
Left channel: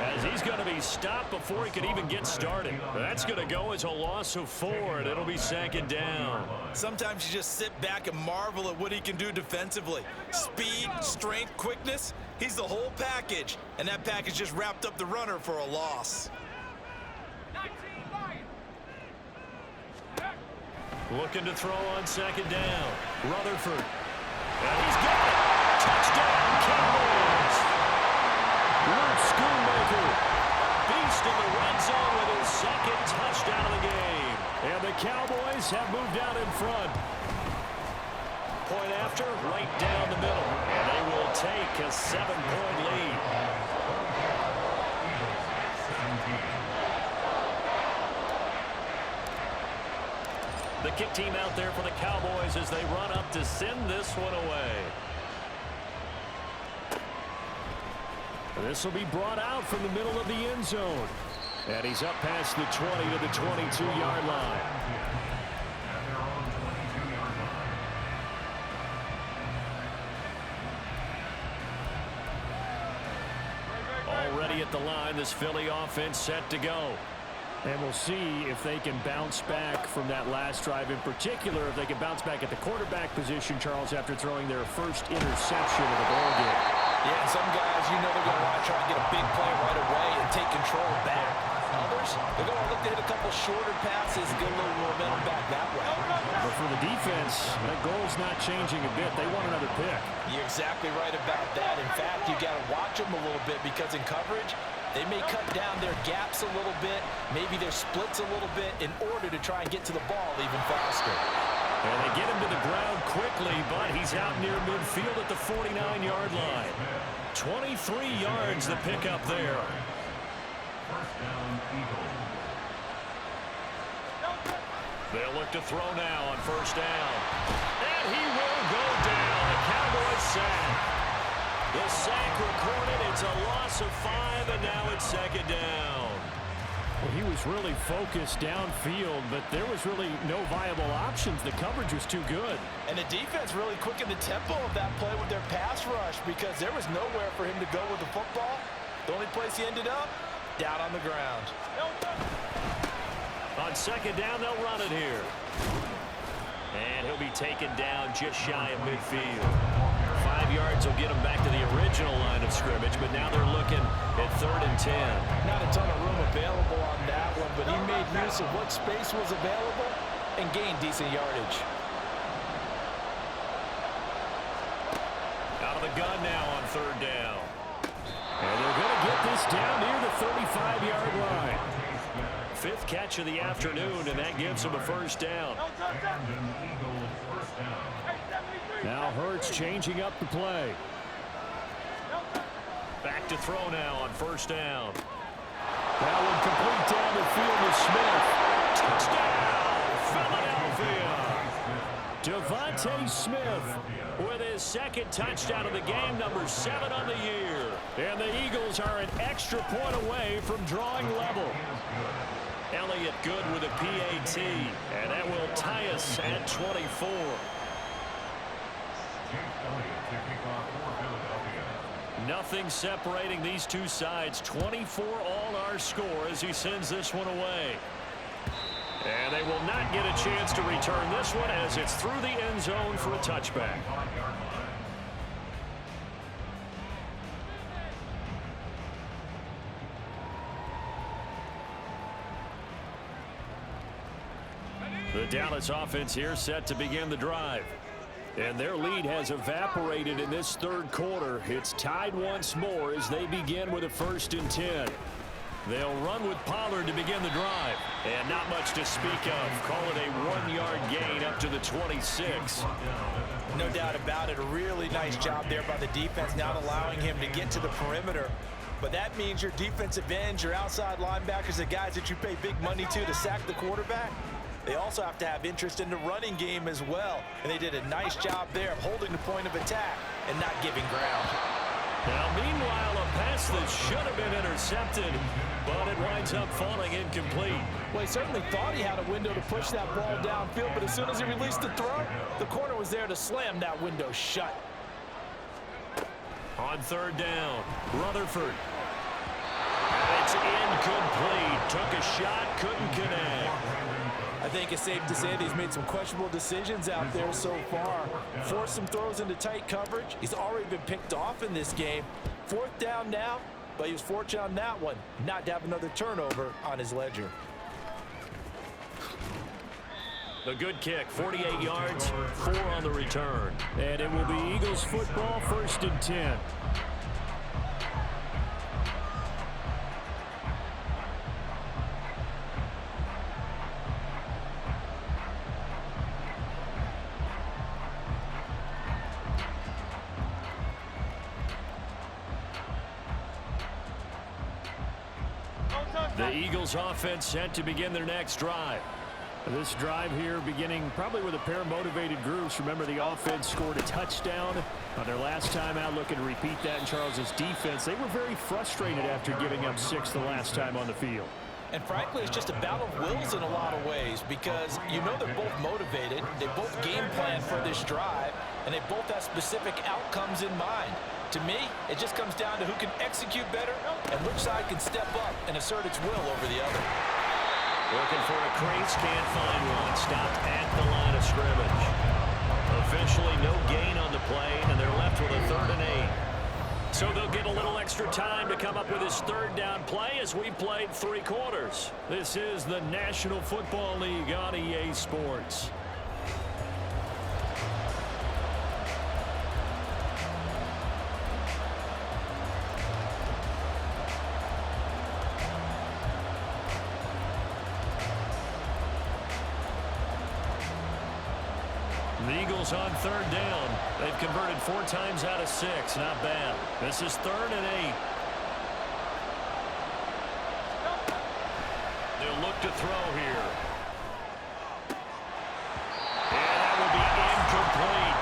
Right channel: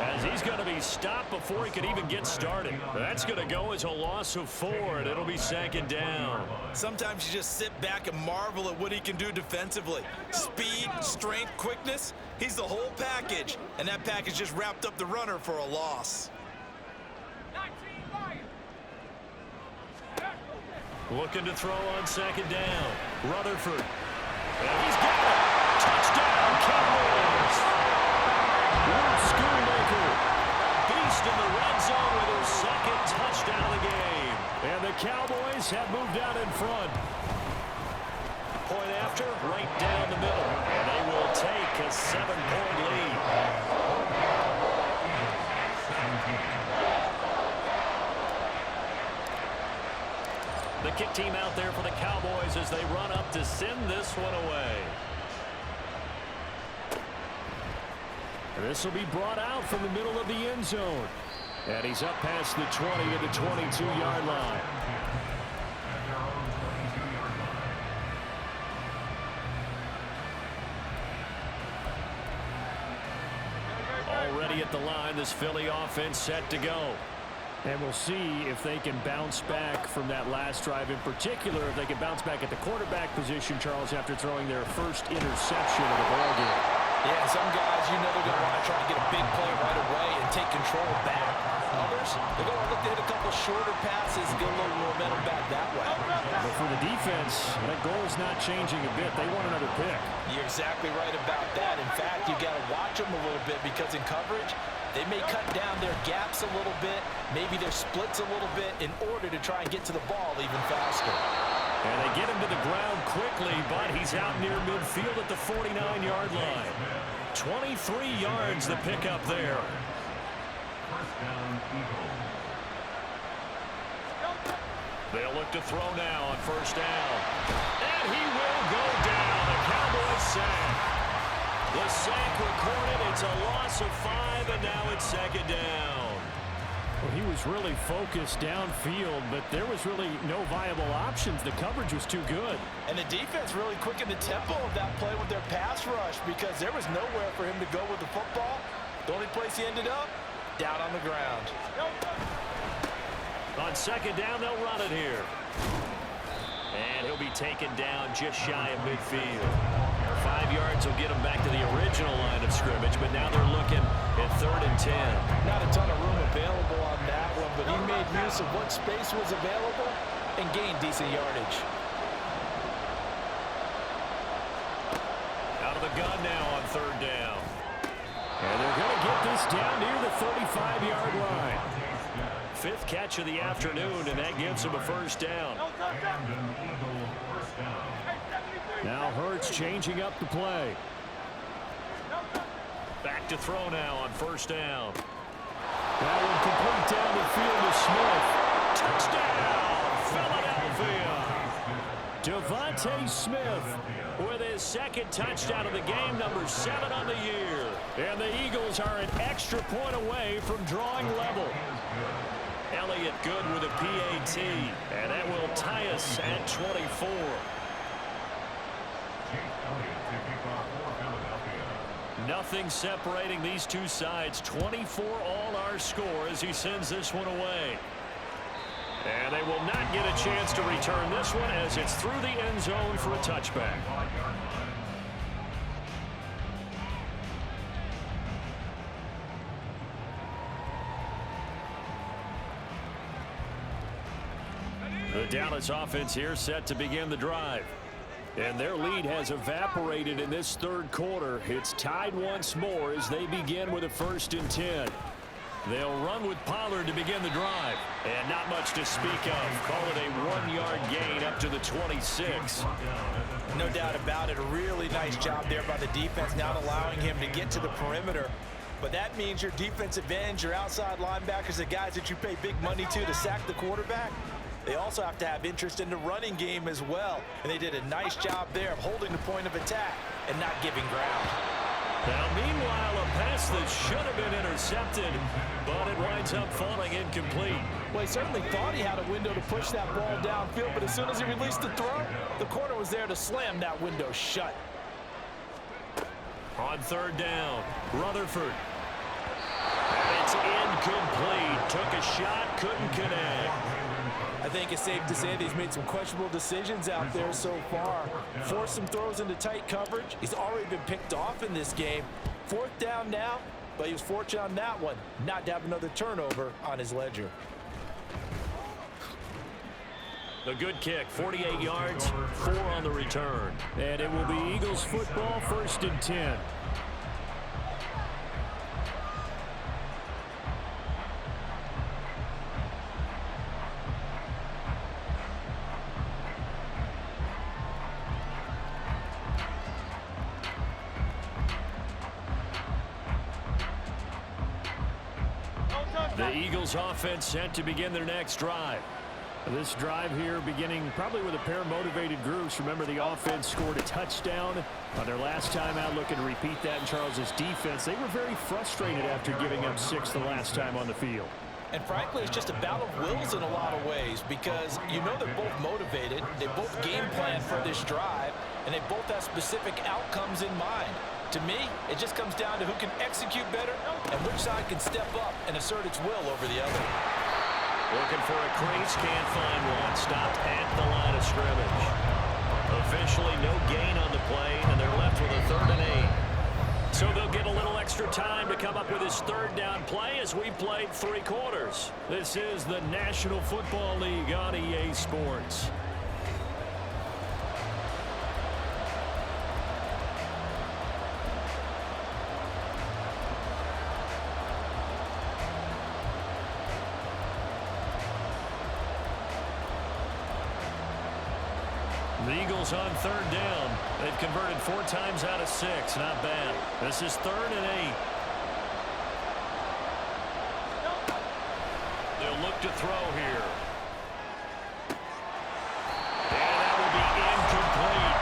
as he's going to be stopped before he could even get started. That's going to go as a loss of 4, and it'll be second down. Sometimes you just sit back and marvel at what he can do defensively. Speed, strength, quickness, he's the whole package, and that package just wrapped up the runner for a loss. Looking to throw on second down. Rutherford. And he's got it. Touchdown, Cowboys. Luke Schoonmaker, a beast in the red zone with his second touchdown of the game. And the Cowboys have moved out in front. Point after, right down the middle. And they will take a 7-point lead. The kick team out there for the Cowboys as they run up to send this one away. This will be brought out from the middle of the end zone. And he's up past the 20 to the 22-yard line. At their own 22-yard line. Already at the line, this Philly offense set to go. And we'll see if they can bounce back from that last drive, in particular if they can bounce back at the quarterback position, Charles, after throwing their first interception of the ball game. Yeah, some guys, you know they're going to want to try and get a big play right away and take control back. Others, they're going to look to hit a couple shorter passes and get a little momentum back that way. But for the defense, that goal's not changing a bit. They want another pick. You're exactly right about that. In fact, you've got to watch them a little bit because in coverage, they may cut down their gaps a little bit, maybe their splits a little bit in order to try and get to the ball even faster. And they get him to the ground quickly, but he's out near midfield at the 49-yard line. 23 yards the pickup there. First down, Eagles. They'll look to throw now on first down. And he will go down. A Cowboys sack. The sack recorded. It's a loss of 5, and now it's second down. Well, he was really focused downfield, but there was really no viable options. The coverage was too good. And the defense really quickened the tempo of that play with their pass rush because there was nowhere for him to go with the football. The only place he ended up, down on the ground. On second down, they'll run it here. And he'll be taken down just shy of midfield. 5 yards will get him back to the original line of scrimmage, but now they're looking at 3rd and 10. Not a ton of room available on that one, but he made use of what space was available and gained decent yardage. Out of the gun now on 3rd down. And they're going to get this down near the 35-yard line. 5th catch of the afternoon, and that gives him a first down. Now Hurts changing up the play. Back to throw now on first down. That one complete down the field to Smith. Touchdown, Philadelphia. Devontae Smith with his second touchdown of the game, number 7 on the year. And the Eagles are an extra point away from drawing level. Elliott good with a PAT, and that will tie us at 24. Nothing separating these two sides. 24 all our score as he sends this one away. And they will not get a chance to return this one as it's through the end zone for a touchback. The Dallas offense here set to begin the drive. And their lead has evaporated in this 3rd quarter. It's tied once more as they begin with a 1st and 10. They'll run with Pollard to begin the drive. And not much to speak of. Call it a 1-yard gain up to the 26. No doubt about it. A really nice job there by the defense, not allowing him to get to the perimeter. But that means your defensive ends, your outside linebackers, the guys that you pay big money to sack the quarterback, they also have to have interest in the running game as well. And they did a nice job there of holding the point of attack and not giving ground. Now, meanwhile, a pass that should have been intercepted, but it winds up falling incomplete. Well, he certainly thought he had a window to push that ball downfield, but as soon as he released the throw, the corner was there to slam that window shut. On 3rd down, Rutherford. And it's incomplete. Took a shot, couldn't connect. I think it's safe to say that he's made some questionable decisions out there so far. Forced some throws into tight coverage. He's already been picked off in this game. 4th down now, but he was fortunate on that one not to have another turnover on his ledger. The good kick, 48 yards, 4 on the return. And it will be Eagles football, 1st and 10. The Eagles offense set to begin their next drive. This drive here beginning probably with a pair of motivated groups. Remember, the offense scored a touchdown on their last time out, looking to repeat that in Charles's defense. They were very frustrated after giving up 6 the last time on the field. And frankly, it's just a battle of wills in a lot of ways because you know they're both motivated, they both game plan for this drive, and they both have specific outcomes in mind. To me, it just comes down to who can execute better and which side can step up and assert its will over the other. Looking for a crease, can't find one. Stopped at the line of scrimmage. Officially no gain on the play, and they're left with a 3rd and 8. So they'll get a little extra time to come up with his 3rd down play as we played 3 quarters. This is the National Football League on EA Sports. The Eagles on 3rd down. They've converted 4 times out of 6. Not bad. This is 3rd and 8. They'll look to throw here. And that will be incomplete.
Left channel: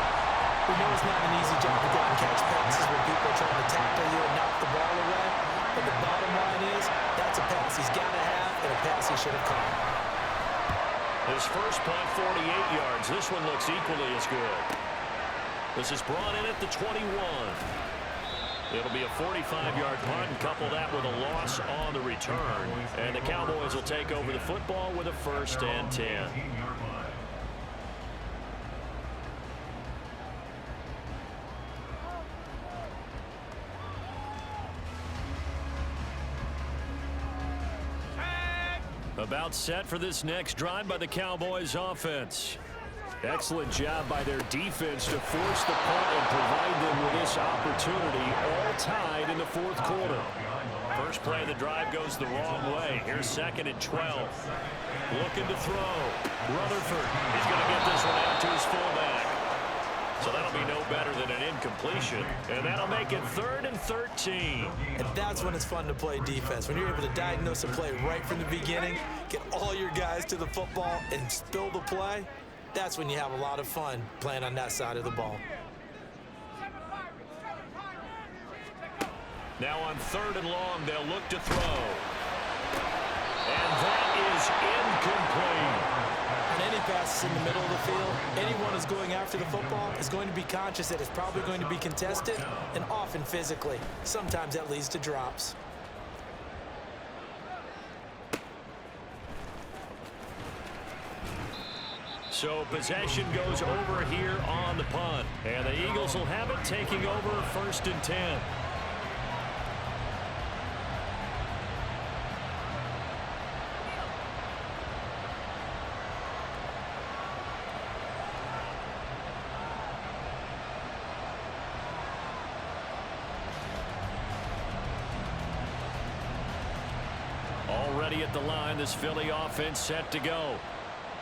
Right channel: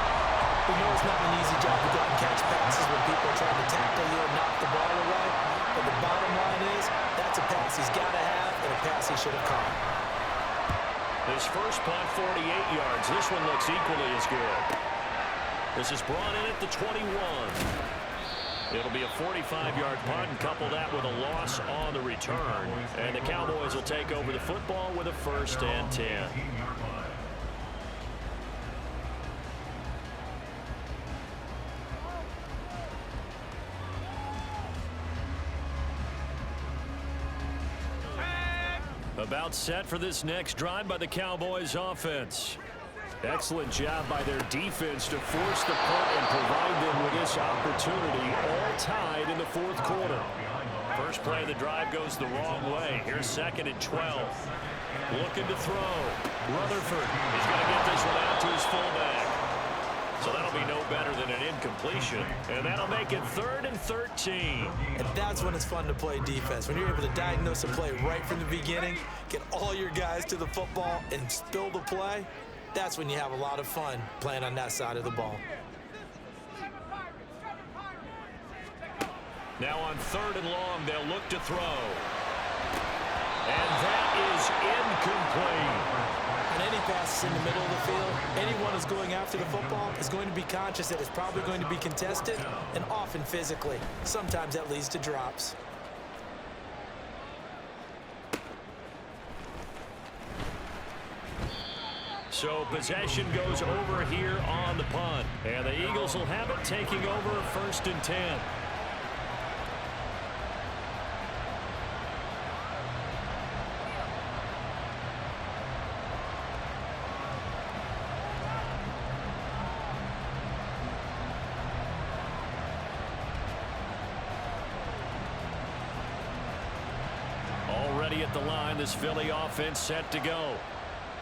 We know it's not an easy job to go out and catch passes when people are trying to tackle you and knock the ball away. But the bottom line is that's a pass he's got to have and a pass he should have caught. His first punt, 48 yards. This one looks equally as good. This is brought in at the 21. It'll be a 45-yard punt and couple that with a loss on the return. And the Cowboys will take over the football with a 1st and 10. About set for this next drive by the Cowboys offense. Excellent job by their defense to force the punt and provide them with this opportunity, all tied in the 4th quarter. First play of the drive goes the wrong way. Here's 2nd and 12. Looking to throw. Rutherford is going to get this one out to his fullback. So that'll be no better than an incompletion. And that'll make it 3rd and 13. And that's when it's fun to play defense. When you're able to diagnose a play right from the beginning, get all your guys to the football, and spill the play, that's when you have a lot of fun playing on that side of the ball. Now on 3rd and long, they'll look to throw. And that is incomplete. On any passes in the middle of the field, anyone who's going after the football is going to be conscious that it's probably going to be contested and often physically. Sometimes that leads to drops. So possession goes over here on the punt. And the Eagles will have it, taking over 1st and 10. Already at the line, this Philly offense set to go.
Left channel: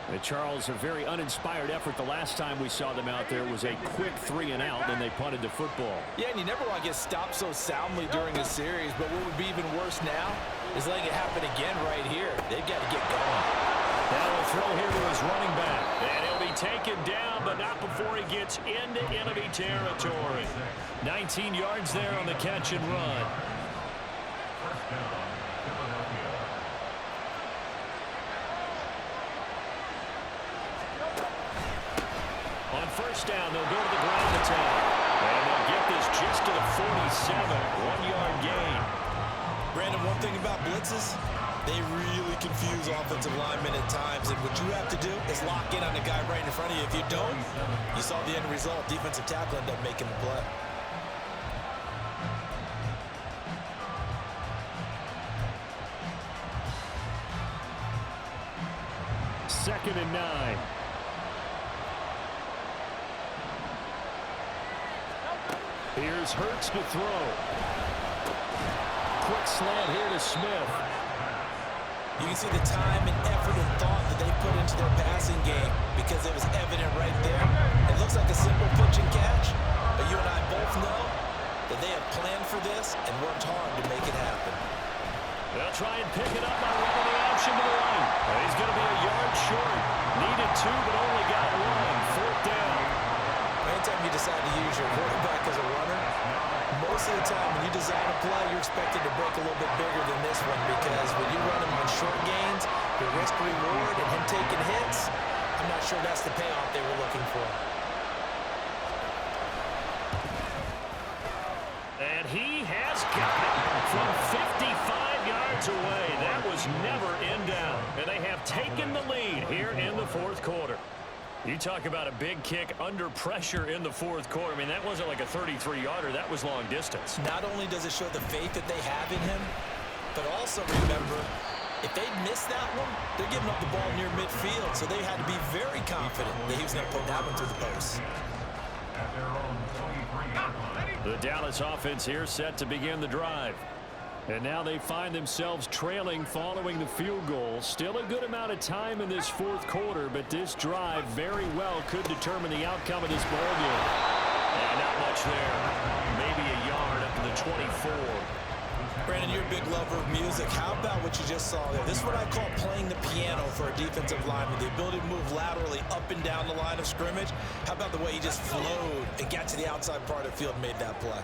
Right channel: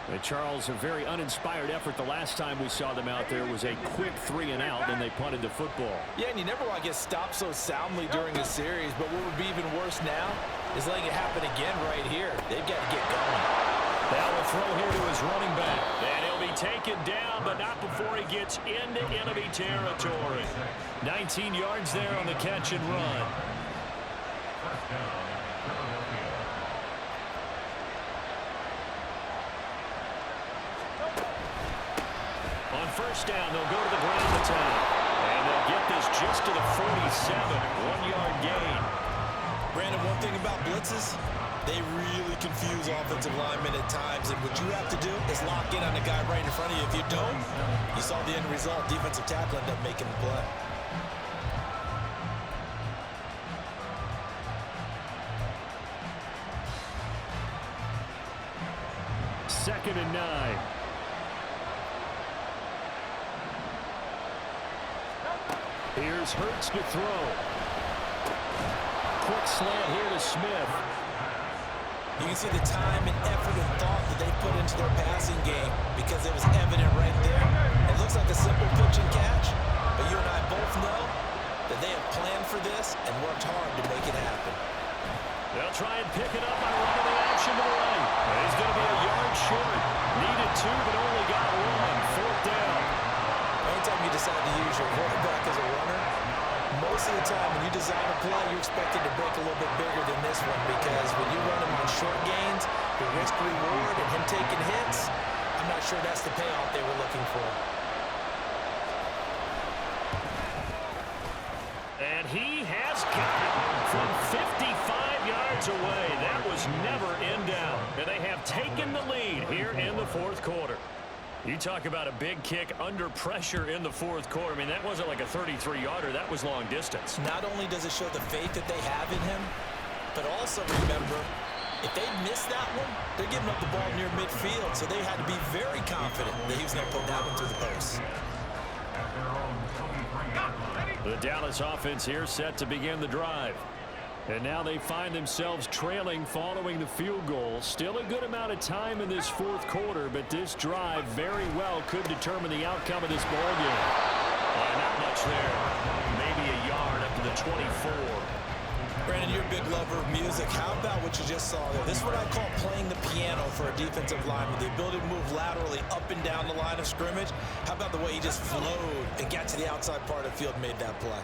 And Charles, a very uninspired effort the last time we saw them out there was a quick 3 and out, and they punted the football. Yeah, and you never want to get stopped so soundly during a series, but what would be even worse now is letting it happen again right here. They've got to get going. Now a throw here to his running back. And he'll be taken down, but not before he gets into enemy territory. 19 yards there on the catch and run. First down, Philadelphia. On first down, they'll go to the ground attack. And they'll get this just to the 47. 1-yard gain. Brandon, one thing about blitzes, they really confuse offensive linemen at times. And what you have to do is lock in on the guy right in front of you. If you don't, you saw the end result. Defensive tackle ended up making the play. Second and 9. Here's Hurts to throw. Quick slant here to Smith. You can see the time and effort and thought that they put into their passing game because it was evident right there. It looks like a simple pitch and catch, but you and I both know that they have planned for this and worked hard to make it happen. They'll They'll try and pick it up by running the option to the right. He's going to be a yard short. Needed 2, but only got 1. 4th down. Anytime you decide to use your quarterback as a runner, most of the time when you design a play, you're expected to break a little bit bigger than this one, because when you run him on short gains, the risk-reward and him taking hits, I'm not sure that's the payoff they were looking for. And he has got it from 55 yards away. That was never in doubt. And they have taken the lead here in the 4th quarter. You talk about a big kick under pressure in the 4th quarter. I mean, that wasn't like a 33-yarder. That was long distance. Not only does it show the faith that they have in him, but also remember, if they miss that one, they're giving up the ball near midfield, so they had to be very confident that he was going to put that one through the post. At their own 23-yard line. The Dallas offense here set to begin the drive. And now they find themselves trailing following the field goal. Still a good amount of time in this 4th quarter, but this drive very well could determine the outcome of this ball game. And not much there. Maybe a yard up to the 24. Brandon, you're a big lover of music. How about what you just saw there? This is what I call playing the piano for a defensive lineman. The ability to move laterally up and down the line of scrimmage. How about the way he just flowed and got to the outside part of the field and made that play?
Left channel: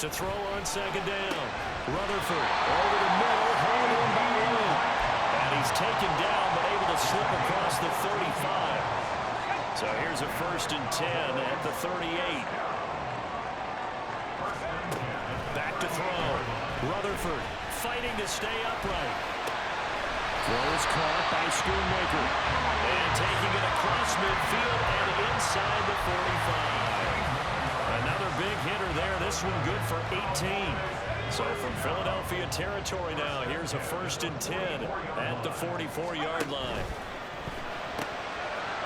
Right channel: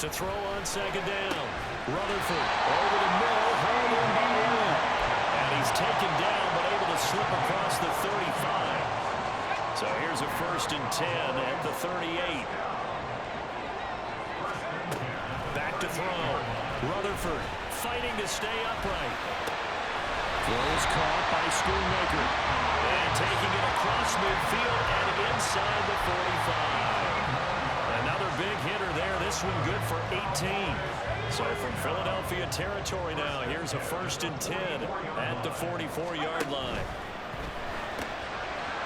To throw on 2nd down. Rutherford over the middle, hauled in by Lamb. And he's taken down, but able to slip across the 35. So here's a 1st and 10 at the 38. Back to throw. Rutherford fighting to stay upright. Throws caught by Schoonmaker. And taking it across midfield and inside the 45. Another big hitter there. This one good for 18. So from Philadelphia territory now, here's a 1st and 10 at the 44-yard line.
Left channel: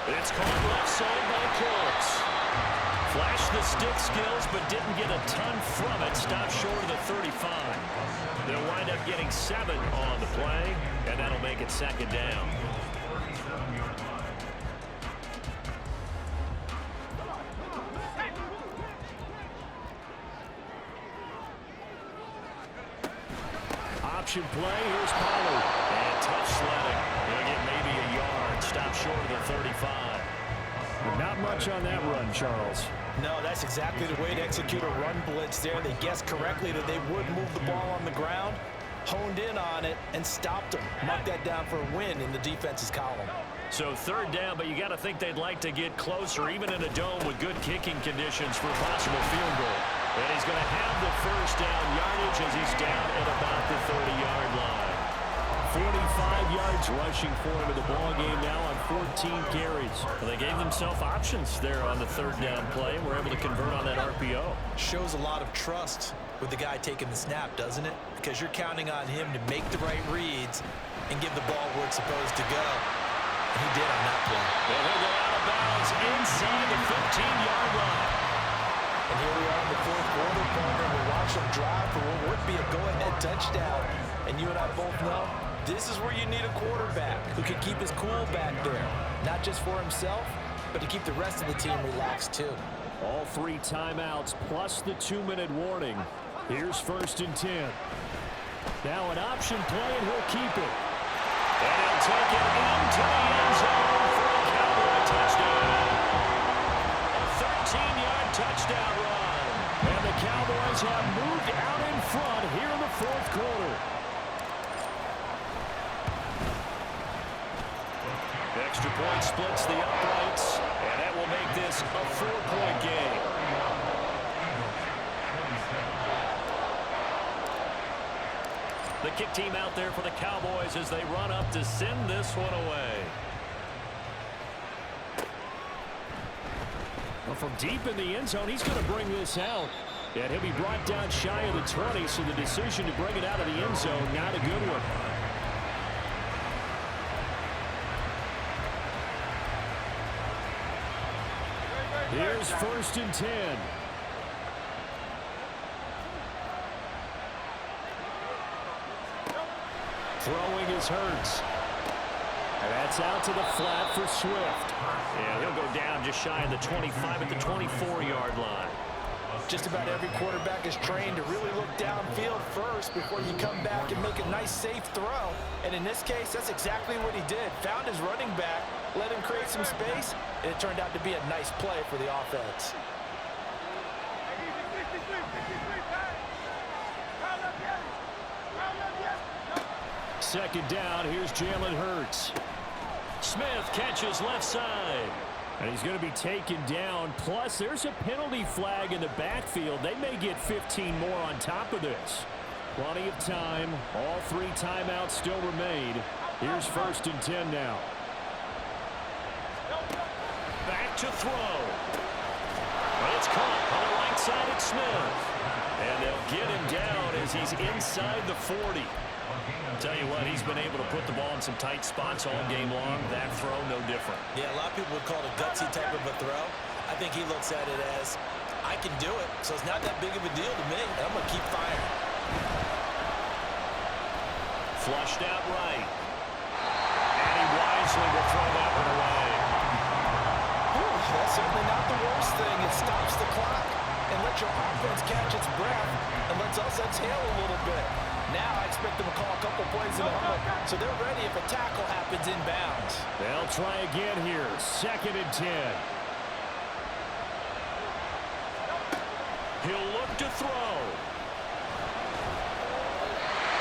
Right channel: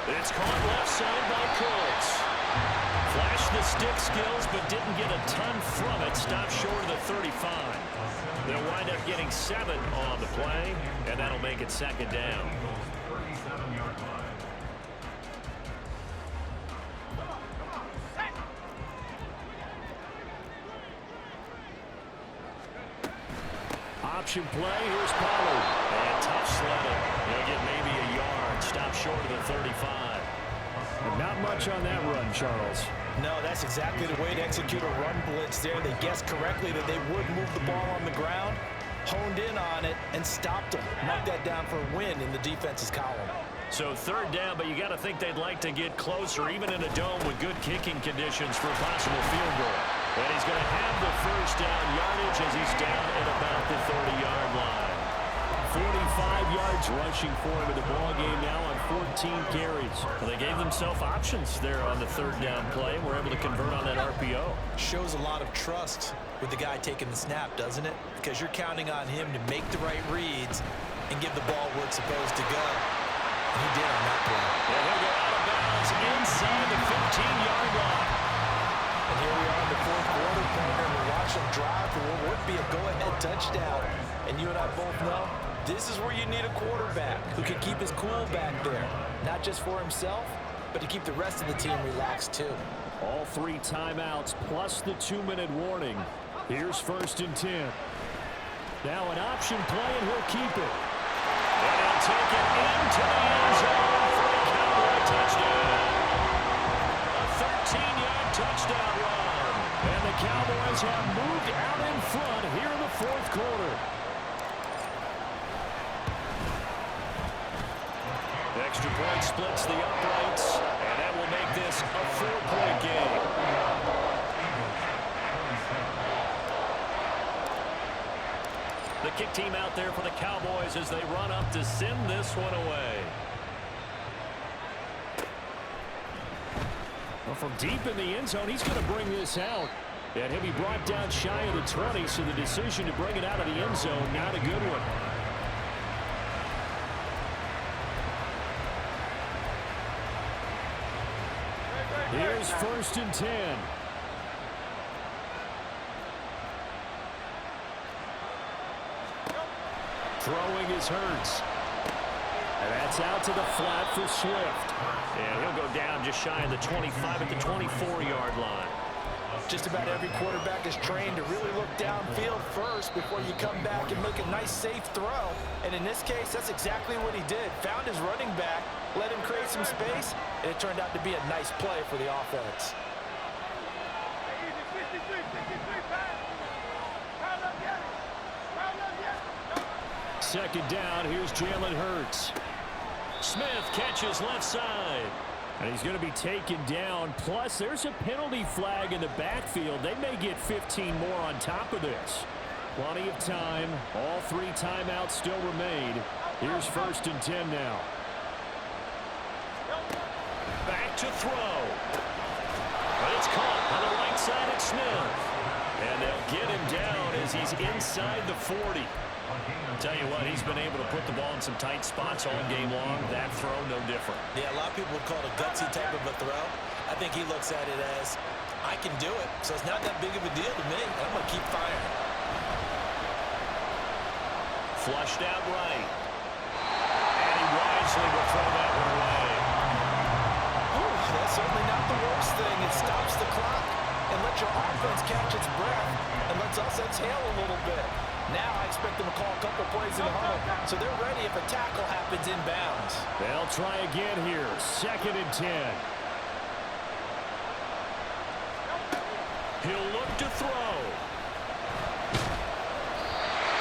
It's caught left side by Cooks. Flashed the stick skills, but didn't get a ton from it. Stopped short of the 35. They'll wind up getting 7 on the play, and that'll make it 2nd down. 37-yard line. Option play, here's Pollard. And tough sledding. He'll get maybe a yard. Stop short of the 35. But not much on that run, Charles. No, that's exactly the way to execute a run blitz there. They guessed correctly that they would move the ball on the ground, honed in on it, and stopped them. Mark that down for a win in the defense's column. So 3rd down, but you got to think they'd like to get closer, even in a dome with good kicking conditions for a possible field goal. And he's going to have the 1st down yardage as he's down at about the 30-yard line. 45 yards rushing for him in the ball game now on 14 carries. Well, they gave themselves options there on the 3rd down play and were able to convert on that RPO. Shows a lot of trust with the guy taking the snap, doesn't it? Because you're counting on him to make the right reads and give the ball where it's supposed to go. And he did on that play. And he'll go out of bounds inside the 15-yard line. And here we are in the 4th quarter, partner. We're watching them drive for what would be a go-ahead touchdown. And you and I both know this is where you need a quarterback who can keep his cool back there. Not just for himself, but to keep the rest of the team relaxed too. All 3 timeouts plus the 2-minute warning. Here's 1st and 10. Now an option play, and he'll keep it. And he'll take it into the end zone for a Cowboy touchdown. A 13-yard touchdown run. And the Cowboys have moved out in front here in the 4th quarter. Extra point splits the uprights, and that will make this a 4-point game. The kick team out there for the Cowboys as they run up to send this one away. Well, from deep in the end zone, he's going to bring this out. And he'll be brought down shy of the 20, so the decision to bring it out of the end zone, not a good one. Here's 1st and 10. Throwing is Hurts. And that's out to the flat for Swift. And he'll go down just shy of the 25 at the 24-yard line. Just about every quarterback is trained to really look downfield first before you come back and make a nice, safe throw. And in this case, that's exactly what he did. Found his running back, let him create some space, and it turned out to be a nice play for the offense. Hey, easy, 63, 63, pass. Round up, get it. Round up, get it. No. Second down, here's Jalen Hurts. Smith catches left side. And he's going to be taken down. Plus, there's a penalty flag in the backfield. They may get 15 more on top of this. Plenty of time. All 3 timeouts still remain. Here's 1st and 10 now. Back to throw. But it's caught on the right side at Smith. And they'll get him down as he's inside the 40. Tell you what, he's been able to put the ball in some tight spots all game long. That throw, no different. Yeah, a lot of people would call it a gutsy type of a throw. I think he looks at it as, I can do it, so it's not that big of a deal to me, and I'm going to keep firing. Flushed out right. And he wisely will throw that one away. Whew, that's certainly not the worst thing. It stops the clock and lets your offense catch its breath and lets us exhale a little bit. Now I expect them to call a couple plays in the huddle, so they're ready if a tackle happens inbounds. They'll try again here. 2nd and 10. He'll look to throw.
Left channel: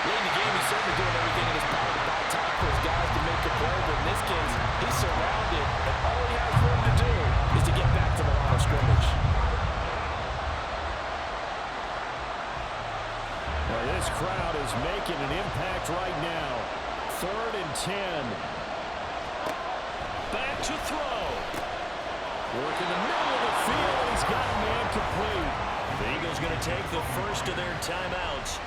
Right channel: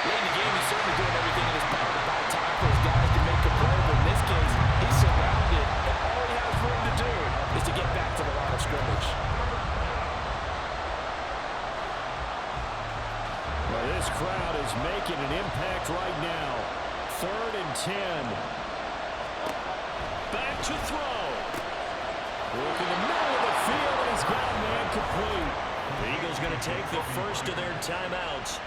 Late in the game, he's certainly doing everything in his power to buy time for his guys to make a play, but in this case, he's surrounded, and all he has room to do is to get back to the line of scrimmage. Well, this crowd is making an impact right now. 3rd and 10. Back to throw. Work in the middle of the field, and he's got a man complete. The Eagles going to take the first of their timeouts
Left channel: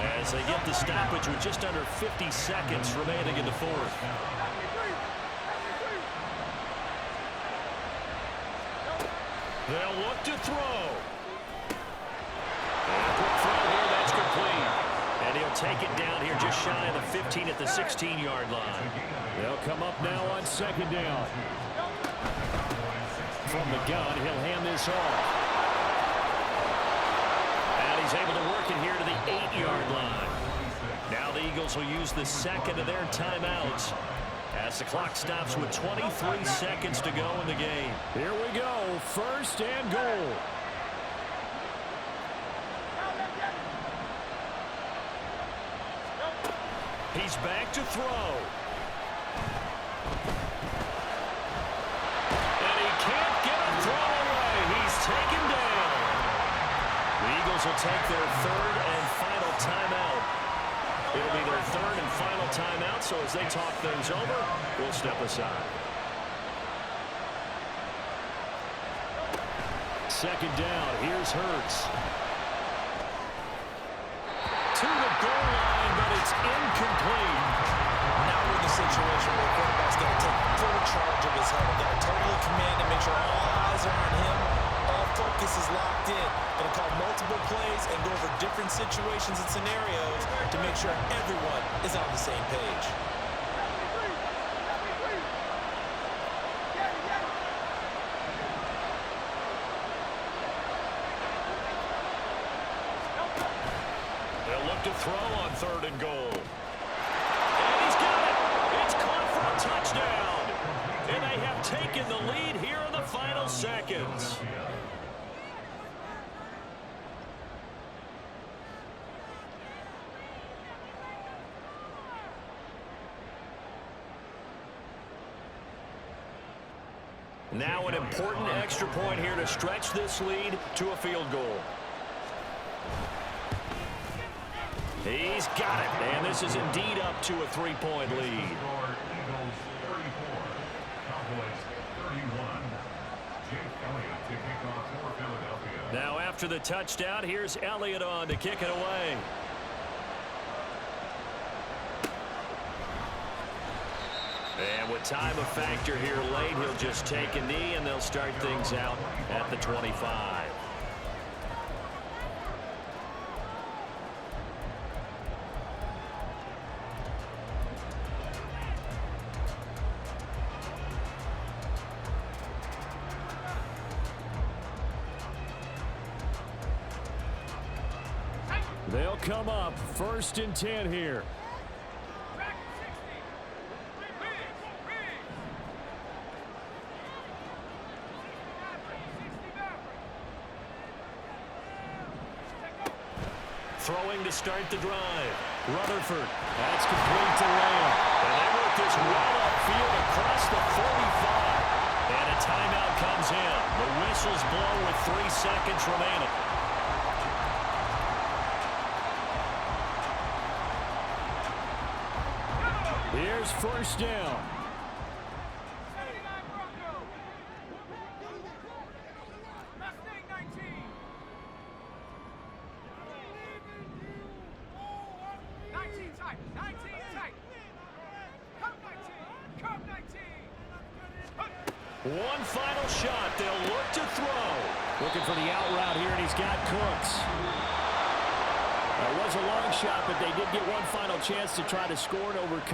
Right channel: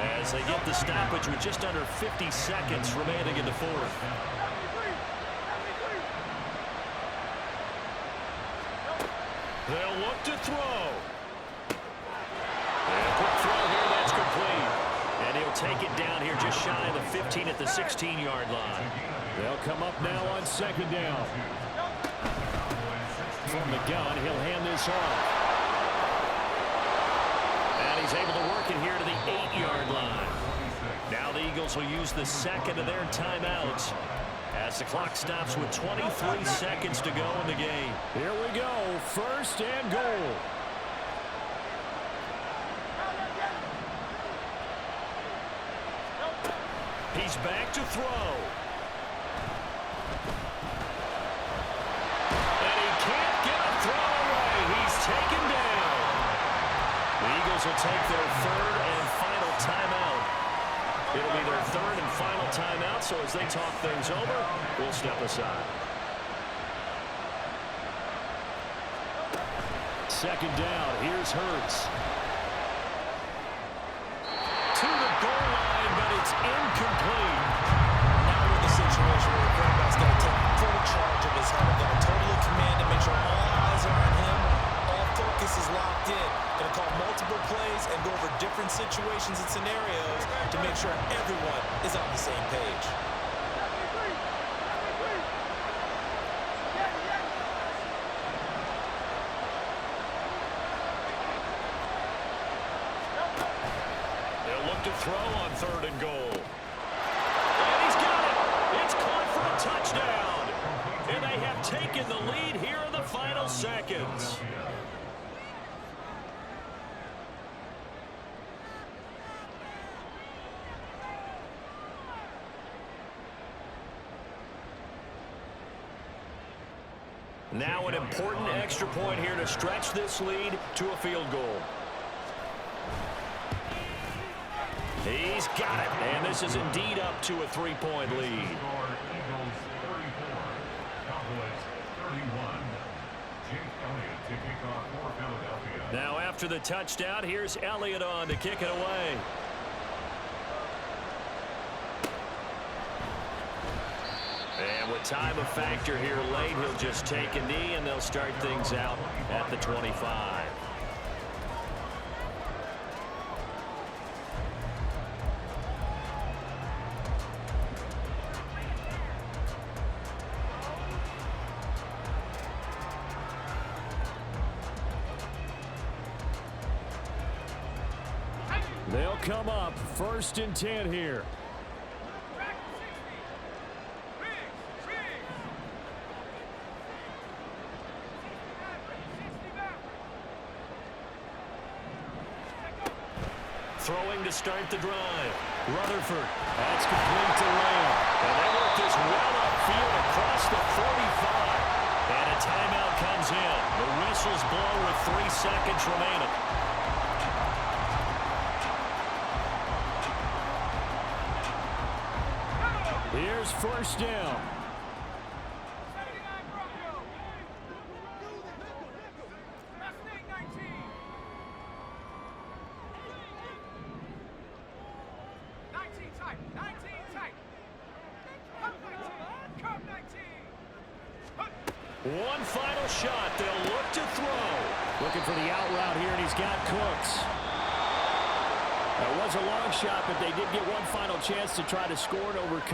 as they get the stoppage with just under 50 seconds remaining in the 4th. 73, 73. They'll look to throw. And a quick throw here, that's complete. And he'll take it down here just shy of the 15 at the 16-yard line. They'll come up now on 2nd down. From the gun, he'll hand this off. And he's able to work it here to the 8-yard line. Now the Eagles will use the 2nd of their timeouts as the clock stops with 23 seconds to go in the game. Here we go, 1st and goal. He's back to throw. And he can't get a throw away. He's taken down. The Eagles will take their 3rd and final timeout. It'll be their 3rd and final timeout, so as they talk things over, we'll step aside. 2nd down, here's Hurts. To the goal line, but it's incomplete. Now we're in the situation where the quarterback's got to take full charge of his huddle. Got to totally command and make sure all eyes are on him. All focus is locked in. Going to call multiple plays and go over different situations and scenarios to make sure everyone is on the same page. 73, 73. Get it, get it. They'll look to throw on 3rd and goal. And he's got it. It's caught for a touchdown. And they have taken the lead here in the final seconds. Now an important extra point here to stretch this lead to a field goal. He's got it, and this is indeed up to a 3-point lead. Eagles 34, Cowboys 31. Jake Elliott to kick off for Philadelphia. Now after the touchdown, here's Elliott on to kick it away. And with time a factor here late, he'll just take a knee, and they'll start things out at the 25. They'll come up 1st and 10 here. Back to 60. Riggs. 60 Maverick. Take over. Throwing to start the drive. Rutherford. That's complete to Lamb. And they work this well upfield across the 45. And a timeout comes in. The whistles blow with 3 seconds remaining. Here's 1st down. 79 Bronco. Mustang 19. Tight. 19 tight. Come 19. Come 19. One final shot. They'll look to throw. Looking for the out route here, and he's got Cooks. That was a long shot, but they did get one final chance to try to score and overcome.